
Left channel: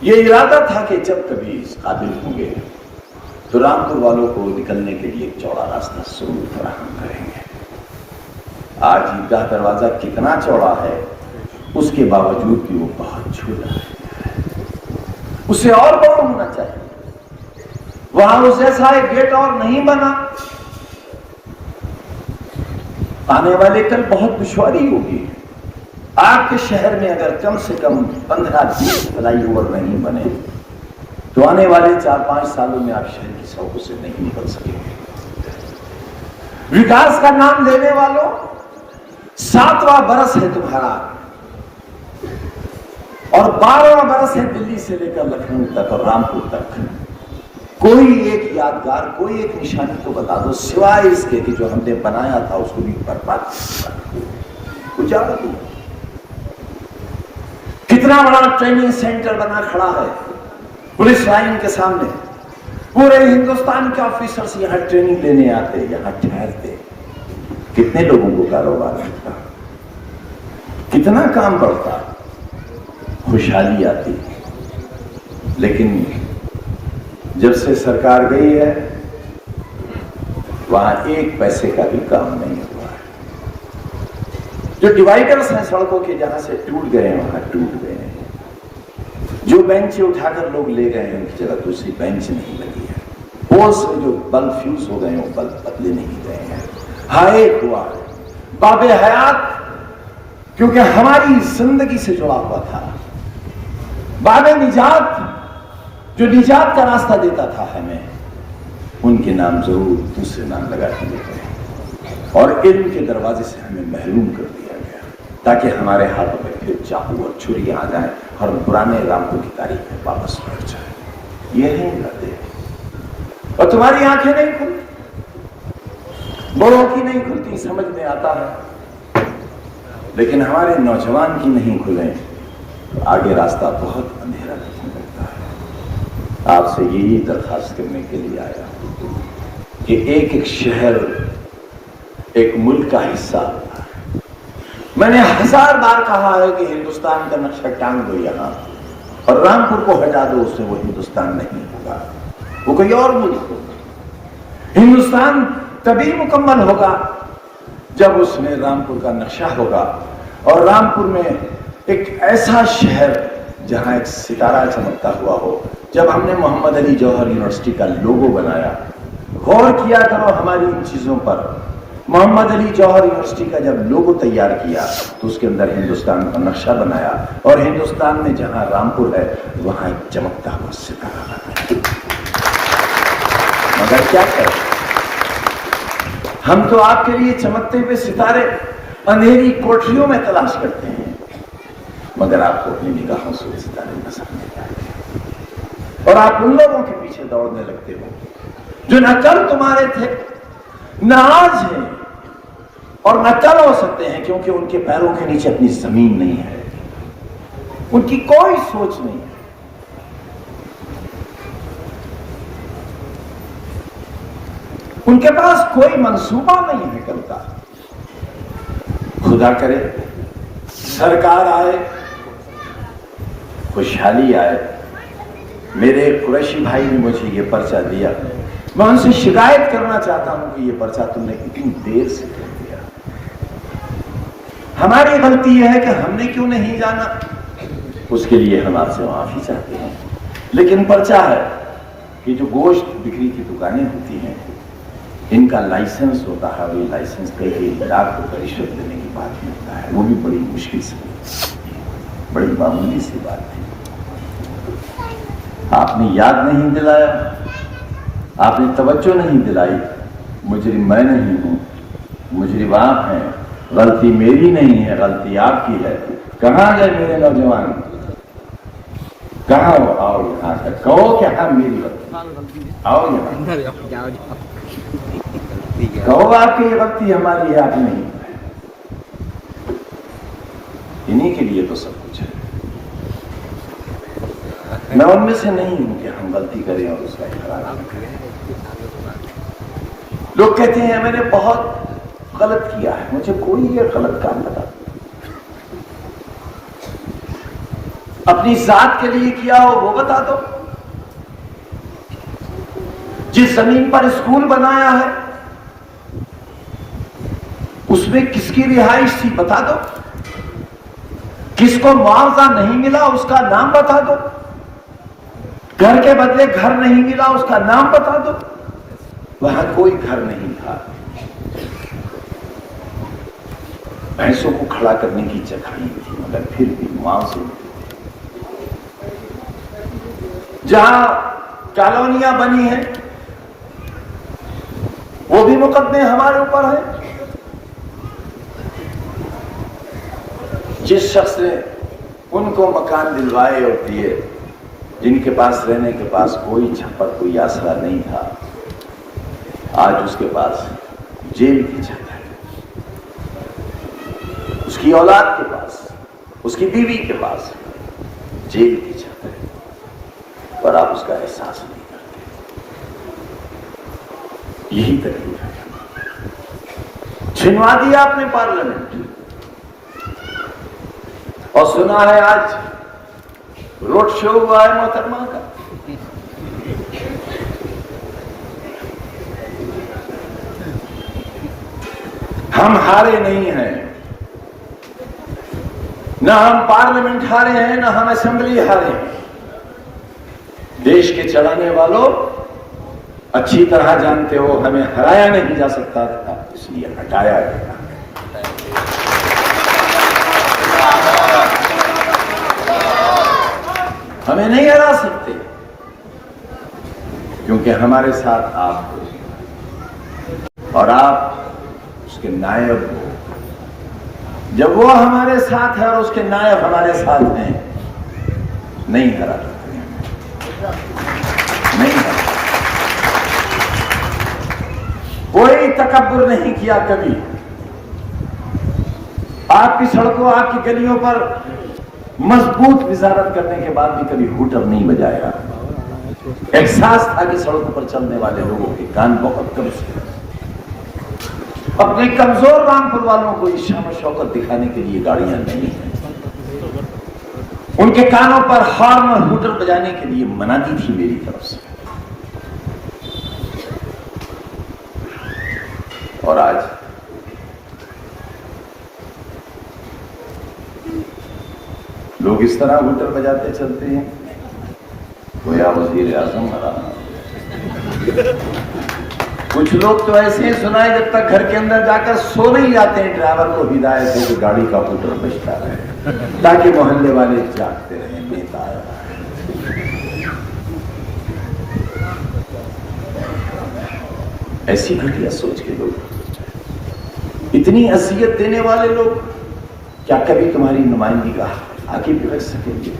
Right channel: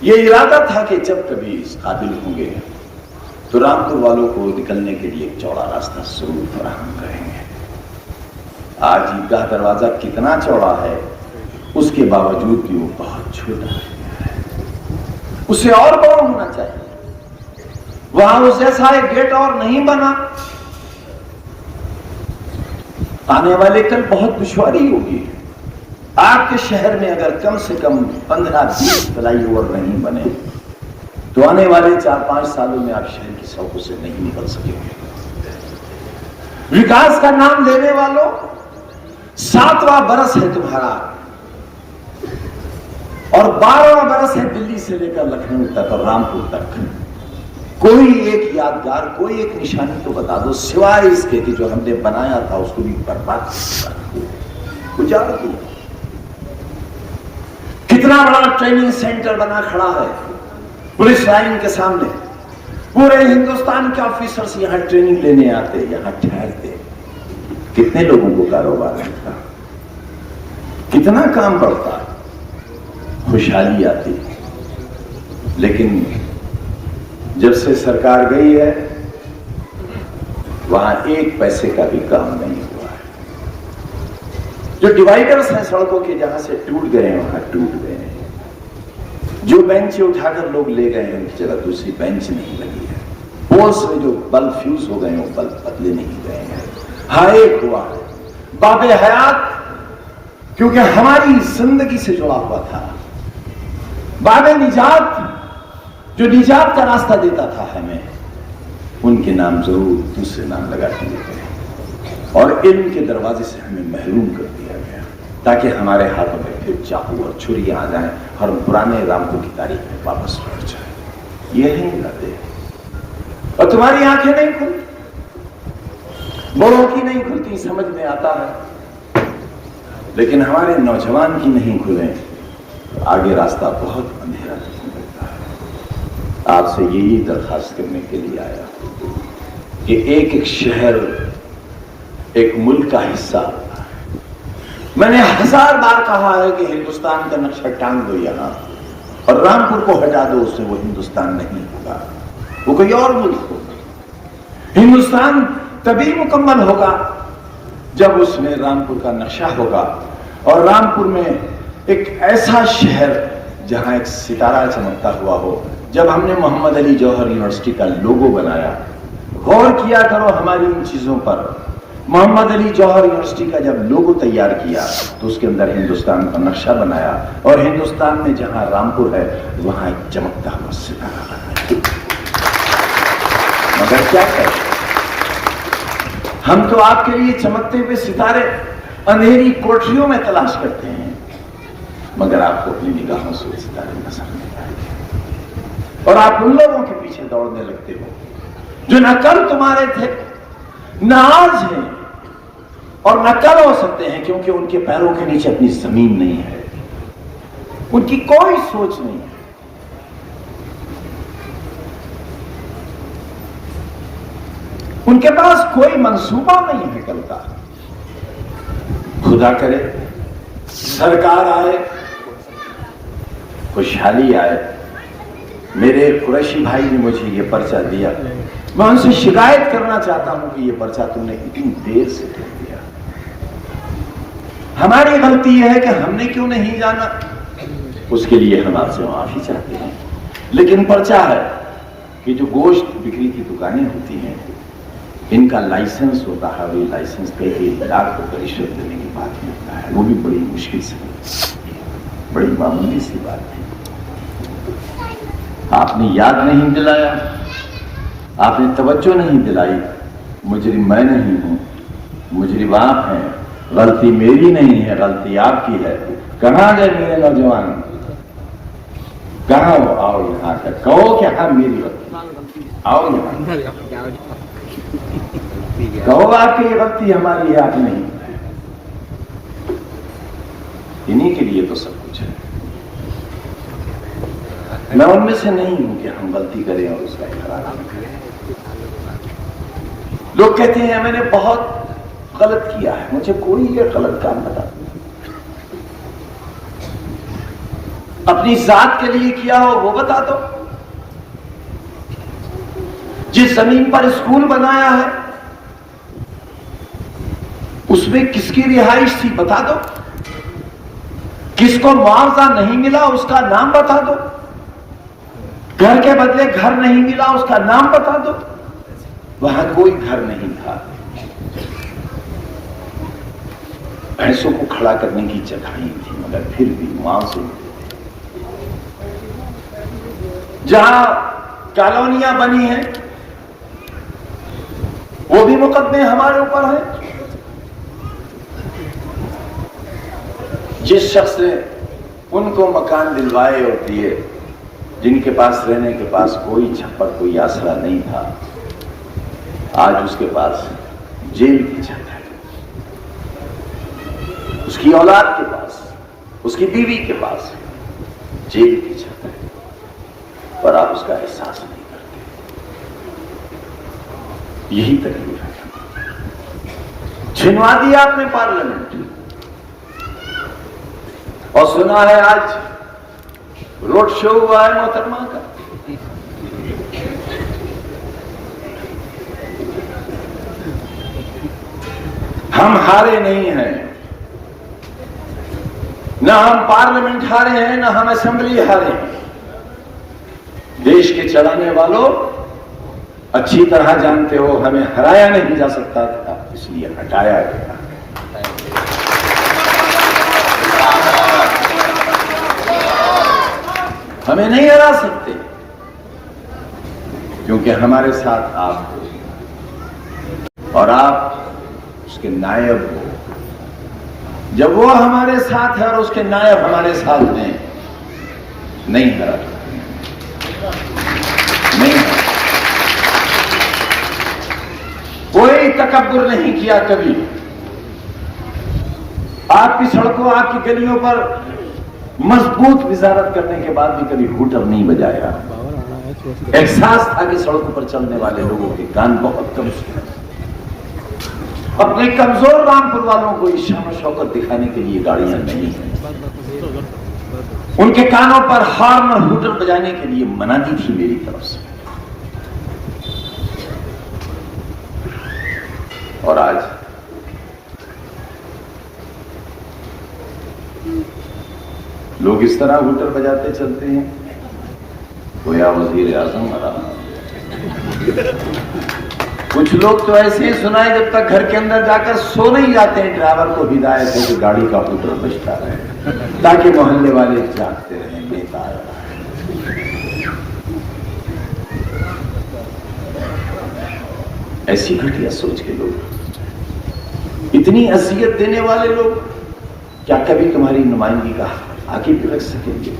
یہ ارادہ تھا کہ جب کبھی اس قابل ہوں گے تو رامپور والوں کو نکلنے کے لیے ایک چوڑا راستہ ضرور فراہم کریں گے۔ آج عیدگاہ دروازہ کتنا چوڑا ہے، اس کے باوجود بھی وہ بہت چھوٹا ہے، اسے اور بڑا ہونا چاہیے۔ وہاں اس جیسا ایک گیٹ اور نہیں بنا، آنے والے کل بہت دشواری ہوگی۔ آپ کے شہر میں اگر کم سے کم 15-20 فلائی اوور نہیں بنے تو آنے والے 4-5 سالوں میں آپ شہر کی سڑکوں سے نہیں نکل سکیں گے۔ وکاس کا نام لینے والوں، 7واں برس ہے تمہارا اور 12واں برس ہے دلی سے لے کر لکھنؤ تک اور رامپور تک۔ کوئی ایک یادگار، کوئی ایک نشانی تو بتا دو، سوائے اس کے کہ جو ہم نے بنایا تھا اس کو بھی برباد کچھ یاد نہیں۔ کتنا بڑا ٹریننگ سینٹر بنا کھڑا ہے پولیس لائن کے سامنے، پورے ہندوستان کے آفیسرز یہاں ٹریننگ لینے آتے، یہاں ٹھہرتے، کتنے لوگوں کو کاروبار ملتا، کتنا کام بڑھتا، خوشحالی آتی۔ لیکن جب سے سرکار گئی ہے وہاں ایک پیسے کا بھی کام نہیں ہوا۔ جو ڈیوائیڈرز ہیں سڑکوں کے، جہاں سے ٹوٹ گئے ہیں وہاں ٹوٹ گئے ہیں، جو بینچ اٹھا کر لوگ لے گئے ہیں ان کی جگہ دوسری بینچ نہیں لگی ہے، پولس میں جو بلب فیوز ہو گئے ہیں وہ بلب بدلے نہیں گئے ہیں۔ ہائے ہوا باب حیات، کیونکہ ہماری زندگی سے جڑا ہوا تھا، باب نجات جو نجات کا راستہ دیتا تھا ہمیں، ان کے نام ضرور دوسرے نام لگا دیے گئے اور علم کے دروازے سے ہمیں محروم کر دیا گیا، تاکہ ہمارے ہاتھوں میں پھر چاقو اور چھریاں آ جائیں اور پرانے رامپور کی تاریخ میں واپس لوٹ جائے۔ یہ نہیں کرتے، اور تمہاری آنکھیں نہیں کھلتی، بڑوں کی نہیں کھلتی، سمجھ میں آتا ہے، لیکن ہمارے نوجوان کی نہیں کھلیں تو آگے راستہ بہت اندھیرا نہیں پڑتا ہے۔ آپ سے یہی درخواست کرنے کے لیے آیا کہ ایک ایک شہر ایک ملک کا حصہ، میں نے 1000 بار کہا ہے کہ ہندوستان کا نقشہ ٹانگ دو یہاں اور رامپور کو ہٹا دو، اس میں وہ ہندوستان نہیں ہوگا، وہ کوئی اور ملک ہوگا۔ ہندوستان تبھی مکمل ہوگا جب اس میں رامپور کا نقشہ ہوگا، اور رامپور میں ایک ایسا شہر جہاں ایک ستارہ چمکتا ہوا ہو۔ جب ہم نے محمد علی جوہر یونیورسٹی کا لوگو بنایا، غور کیا کرو ہماری ان چیزوں پر، محمد علی جوہر یونیورسٹی کا جب لوگو تیار کیا تو اس کے اندر ہندوستان کا نقشہ بنایا، اور ہندوستان میں جہاں رامپور ہے وہاں ایک چمکتا ہوا ستارہ بنایا۔ مگر کیا کریں، ہم تو آپ کے لیے چمکتے ہوئے ستارے اندھیری کوٹریوں میں تلاش کرتے ہیں، مگر آپ کو اپنی نگاہوں سے وہ ستارے نظر نہیں آتے، اور آپ ان لوگوں کے پیچھے دوڑنے لگتے ہو جو نہ کل تمہارے تھے نہ آج ہیں، اور نہ کل ہو سکتے ہیں، کیونکہ ان کے پیروں کے نیچے اپنی زمین نہیں ہے، ان کی کوئی سوچ نہیں ہے۔ ان کے پاس کوئی منصوبہ نہیں ہے کل کا۔ خدا کرے سرکار آئے، خوشحالی آئے۔ میرے ایک قریشی بھائی نے مجھے یہ پرچہ دیا، میں ان سے شکایت کرنا چاہتا ہوں کہ یہ پرچہ تم نے اتنی دیر سے کر دیا۔ ہماری غلطی یہ ہے کہ ہم نے کیوں نہیں جانا، اس کے لیے ہم آپ سے معافی چاہتے ہیں۔ لیکن پرچہ ہے کہ جو گوشت بکری کی دکانیں ہوتی ہیں، ان کا لائسنس ہوتا ہے، وہ لائسنس پہ ایک گراہک کو رشوت دینے کی بات ہوتا ہے، وہ بھی بڑی مشکل سے، بڑی معمولی سی بات ہے۔ آپ نے یاد نہیں دلایا، آپ نے توجہ نہیں دلائی۔ مجرم میں نہیں ہوں، مجرم آپ ہیں، غلطی میری نہیں ہے، غلطی آپ کی ہے۔ کہاں گئے میرے نوجوان؟ کہاں وہ؟ آؤ یہاں سے کہو کہ ہاں میری غلطی، آؤ یہاں کہو آپ کی غلطی ہماری ہے، آپ نہیں۔ انہیں کے لیے تو سب کچھ ہے۔ میں ان میں سے نہیں ہوں کہ ہم غلطی کریں اور اس کا اقرار نہیں کریں۔ لوگ کہتے ہیں میں نے بہت غلط کیا ہے، مجھے کوئی یہ غلط کام بتا، اپنی ذات کے لیے کیا ہو وہ بتا دو، جس زمین پر اسکول بنایا ہے اس میں کس کی رہائش تھی بتا دو، کس کو معاوضہ نہیں ملا اس کا نام بتا دو، گھر کے بدلے گھر نہیں ملا اس کا نام بتا دو۔ وہاں کوئی گھر نہیں تھا، بھینسوں کو کھڑا کرنے کی جگہ ہی تھی، مگر پھر بھی معاوضے جہاں کالونیاں بنی ہیں وہ بھی مقدمے ہمارے اوپر ہیں۔ جس شخص نے ان کو مکان دلوائے اور دیے جن کے پاس رہنے کے پاس کوئی چھپر کوئی آسرا نہیں تھا، آج اس کے پاس جیل کی چھت ہے، اس کی اولاد کے پاس، اس کی بیوی کے پاس جیل کی چھت ہے، پر آپ اس کا احساس نہیں کرتے۔ یہی تکلیف ہے۔ چھنوا دیا آپ نے پارلیمنٹ، اور سنا ہے آج روڈ شو ہوا ہے محترمہ کا۔ ہم ہارے نہیں ہیں، نہ ہم پارلیمنٹ ہارے ہیں، نہ ہم اسمبلی ہارے ہیں۔ دیش کے چڑھانے والوں اچھی طرح جانتے ہو ہمیں ہرایا نہیں جا سکتا تھا، اس لیے ہٹایا گیا۔ ہمیں نہیں ہرا سکتے کیونکہ ہمارے ساتھ آپ ہو اور آپ اس کے نائب ہو۔ جب وہ ہمارے ساتھ ہے اور اس کے نائب ہمارے ساتھ ہیں، نہیں ہرا نہیں ہرا۔ کوئی تکبر نہیں کیا کبھی، آپ کی سڑکوں آپ کی گلیوں پر مضبوط وزارت کرنے کے بعد بھی کبھی ہوٹر نہیں بجایا۔ احساس تھا کہ سڑکوں پر چلنے والے لوگوں کے کان بہت کم ہیں، اپنے کمزور رامپور والوں کو شان و شوکت دکھانے کے لیے گاڑیاں نہیں ہیں، ان کے کانوں پر ہارن اور ہوٹر بجانے کے لیے منادی تھی میری طرف سے۔ اور آج لوگ اس طرح ہوٹل بجاتے چلتے ہیں، گویا وزیر اعظم ہمارا۔ کچھ لوگ تو ایسے ہی سنائے جب تک گھر کے اندر جا کر سو نہیں جاتے ہیں، ڈرائیور کو ہدایت ہے کہ گاڑی کا ہوٹل بجتا رہے تاکہ محلے والے جاگتے رہیں۔ نیتا ایسی گھٹیا سوچ کے لوگ، اتنی اذیت دینے والے لوگ کیا کبھی تمہاری نمائندگی کا آگے بھی رکھ سکیں گے؟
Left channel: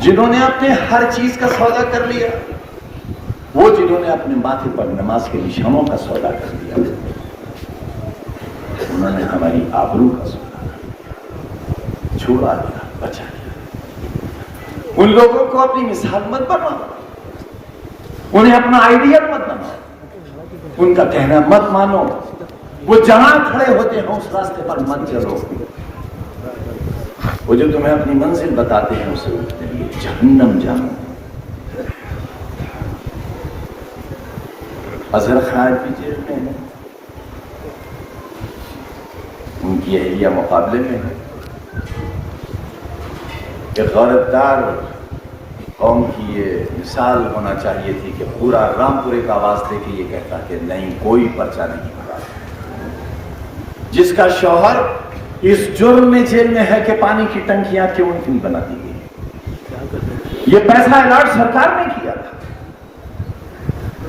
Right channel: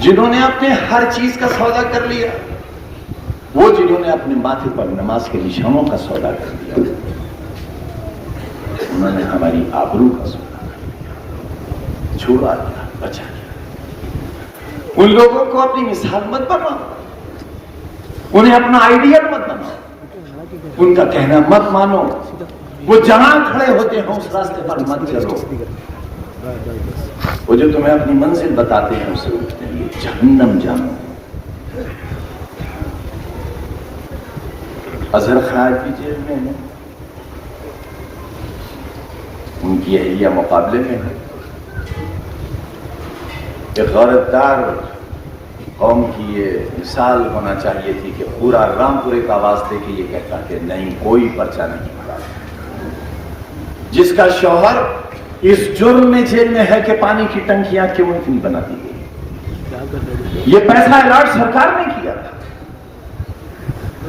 جنہوں نے اپنے ہر چیز کا سودا کر لیا، وہ جنہوں نے اپنے ماتھے پر نماز کے نشانوں کا سودا کر لیا، ہماری آبرو کا سوال چھوڑا دیا، بچا دیا۔ ان لوگوں کو اپنی مثال مت بناؤ، انہیں اپنا آئیڈیل مت بناؤ، ان کا کہنا مت مانو، وہ جہاں کھڑے ہوتے ہیں اس راستے پر مت چلو، وہ جو تمہیں اپنی منزل بتاتے ہیں اسے جہنم جانا۔ اظہر خان کی جیل میں ہے، ان کی اہلیہ مقابلے میں ہے کہ غیرتدار قوم کی یہ مثال ہونا چاہیے تھی کہ پورا رامپور ایک آواز دے کے یہ کہتا کہ نہیں، کوئی پرچہ نہیں ہوگا۔ جس کا شوہر اس جرم میں جیل میں ہے کہ پانی کی ٹنکیاں کیوں اتنی بنا دی گئی، یہ پیسہ الاٹ سرکار نے کیا تھا،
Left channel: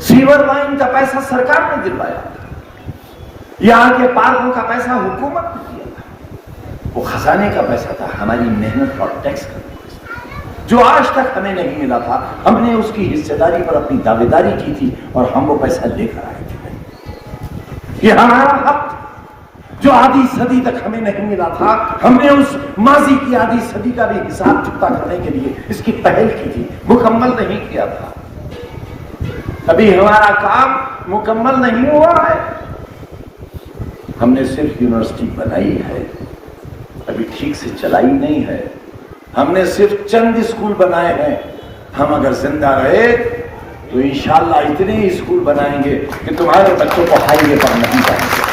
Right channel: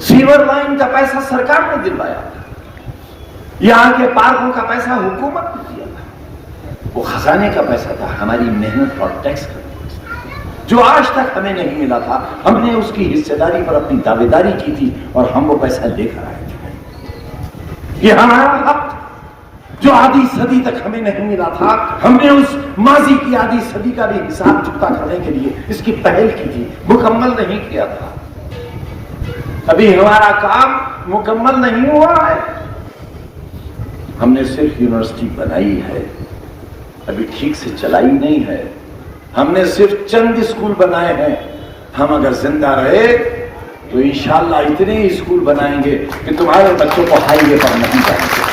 سیور لائن کا پیسہ سرکار نے دلوایا تھا، یہاں کے پارکوں کا پیسہ حکومت نے دیا تھا، وہ خزانے کا پیسہ تھا، ہماری محنت اور ٹیکس کا جو آج تک ہمیں نہیں ملا تھا۔ ہم نے اس کی حصے داری پر اپنی دعوے داری کی تھی اور ہم وہ پیسہ لے کر آئے تھے۔ یہ ہمارا حق جو آدھی صدی تک ہمیں نہیں ملا تھا، ہم نے اس ماضی کی آدھی صدی کا بھی حساب چکتا کرنے کے لیے اس کی پہل کی تھی، مکمل نہیں کیا تھا۔ ابھی ہمارا کام مکمل نہیں ہوا ہے، ہم نے صرف یونیورسٹی بنائی ہے، ابھی ٹھیک سے چلائی نہیں ہے، ہم نے صرف چند اسکول بنائے ہیں۔ ہم اگر زندہ رہے تو انشاءاللہ اتنے ہی اسکول بنائیں گے کہ تمہارے بچوں کو ہائی وے پر نہیں جائیں گے۔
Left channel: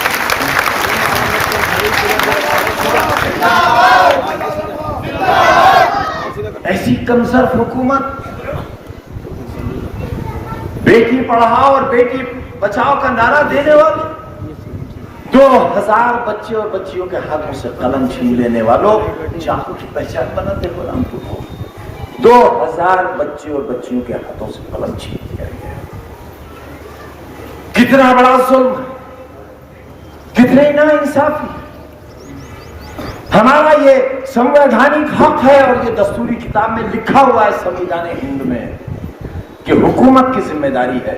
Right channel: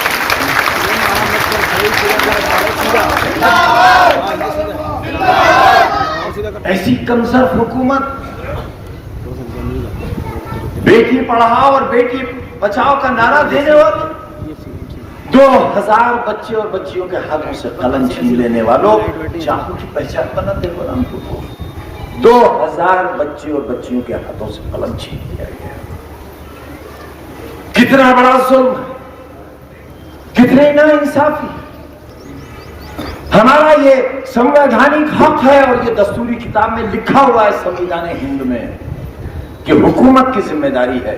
ایسی کمزور حکومت بیٹی پڑھاؤ اور بیٹی بچاؤ کا نعرہ دینے والی، 2000 بچے اور بچیوں کے ہاتھوں سے قلم چھین لینے والوں، چاقو کی پہچان بناتے قرآن کو، 2000 بچے اور بچیوں کے ہاتھوں سے قلم چھین لیا گیا۔ کتنا بڑا ظلم، کتنی ناانصافی۔ ہمارا یہ سنویدھانک حق ہے اور یہ دستوری کتاب میں لکھا ہوا ہے سنویدھان ہند میں کہ حکومت کی ذمہ داری ہے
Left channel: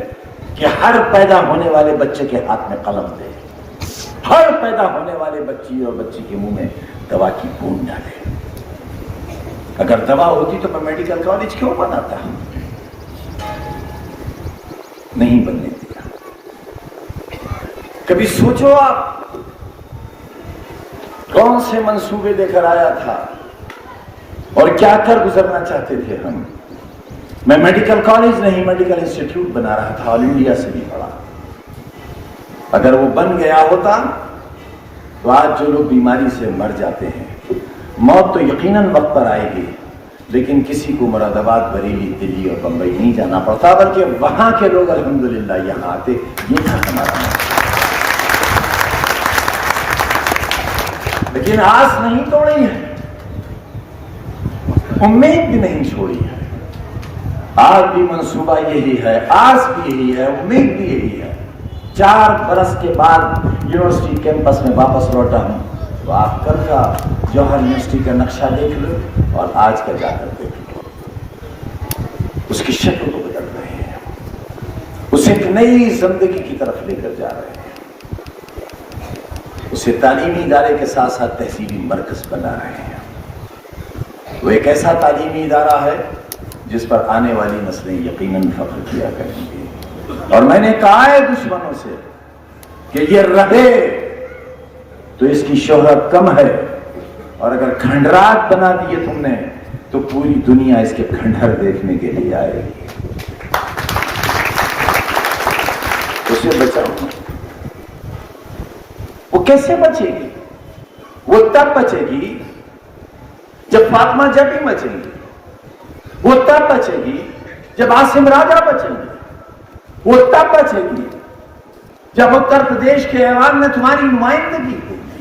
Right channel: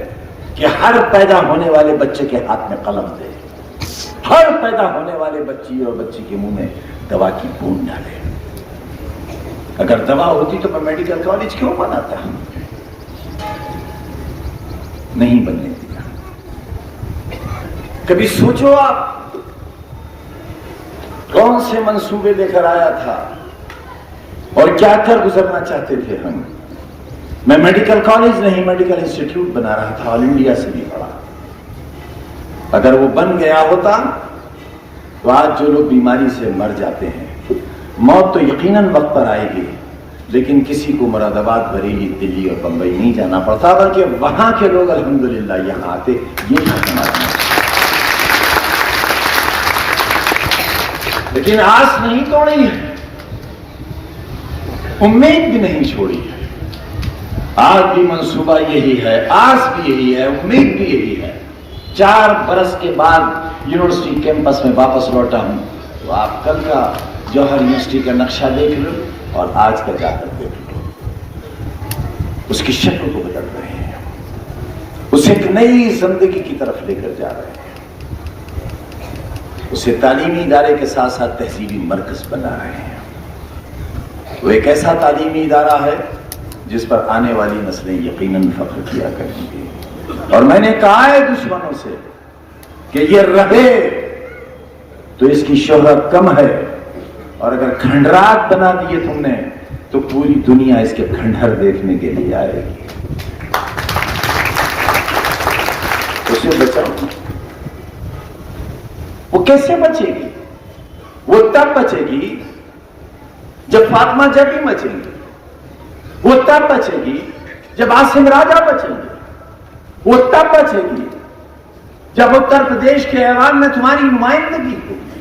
کہ ہر پیدا ہونے والے بچے کے ہاتھ میں قلم دے، ہر پیدا ہونے والے بچی اور بچی کے منہ میں دوا کی بوند ڈالے۔ اگر دوا ہوتی تو میں میڈیکل کالج کیوں بناتا؟ نہیں بننے دیا۔ کبھی سوچو آپ کون سے منصوبے لے کر آیا تھا اور کیا کر گزرنا چاہتے تھے ہم۔ میں میڈیکل کالج نہیں، میڈیکل انسٹیٹیوٹ بنا رہا تھا، آل انڈیا سے بھی پڑھا۔ اگر وہ بن گیا ہوتا تو آج جو لوگ بیماری سے مر جاتے ہیں، موت تو یقیناً وقت پر آئے گی، لیکن کسی کو مراد آباد، بریلی، دلی اور بمبئی نہیں جانا پڑتا، بلکہ وہاں کے لوگ الحمدللہ یہاں آتے۔ یہ تھا ہمارا، لیکن آس نہیں توڑی ہے، امید بھی نہیں چھوڑی ہے۔ آج بھی منصوبہ یہی ہے، آس بھی یہی ہے، امید بھی یہی ہے۔ 4 برس کے بعد یونیورسٹی کیمپس میں واپس لوٹا ہوں تو آپ کل کا جوہر یونیورسٹی کا نقشہ دیکھ لو اور آج کا جا کر دیکھ لو، اس کی شکل کو بدل رہے ہیں، اسے ایک نئی زندگی کی طرف لے کر جا رہے ہیں، اسے تعلیمی ادارے کے ساتھ ساتھ تہذیبی مرکز بنا رہے ہیں۔ وہ ایک ایسا تعلیمی ادارہ ہے جس پر آنے والی نسلیں یقیناً فخر کیا کریں گی۔ اور میں نے کہا ہے دشمنوں سے کہ یہ رہے تو اس کی شہرت کم ہے، اور اگر کھنڈرات بنا دیے تم نے تو پوری دنیا اس کے کھنڈر دیکھنے کے لیے آئے گی۔ اسے بچاؤ۔ وہ کیسے بچے گی؟ وہ تب بچے گی جب فاطمہ جبی بچیں گی، وہ تب بچے گی جب عاصم راجہ بچیں گے، وہ تب بچے گی جب اتر پردیش کے ایوان میں تمہاری نمائندگی ہوگی،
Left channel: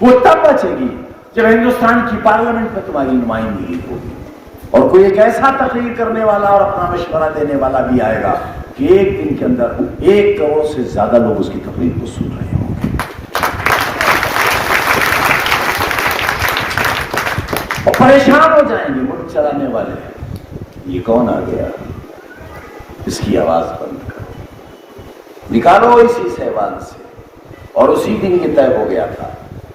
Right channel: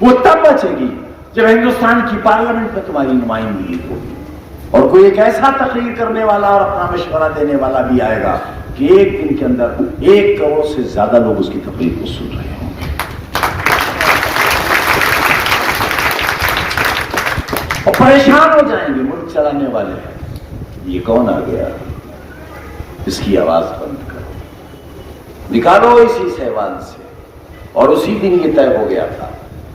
وہ تب بچے گی جب ہندوستان کی پارلیمنٹ میں تمہاری نمائندگی ہوگی، اور کوئی ایک ایسا تقریر کرنے والا اور اپنا مشورہ دینے والا بھی آئے گا کہ ایک دن کے اندر 1 کروڑ سے زیادہ لوگ اس کی تقریر کو سن رہے ہوں گے، اور پریشان ہو جائیں گے ملک چلانے والے۔ یہ کون آ گیا؟ اس کی آواز بند کرو، نکالو اسی سہوان سے۔ اور اسی دن یہ طے ہو گیا تھا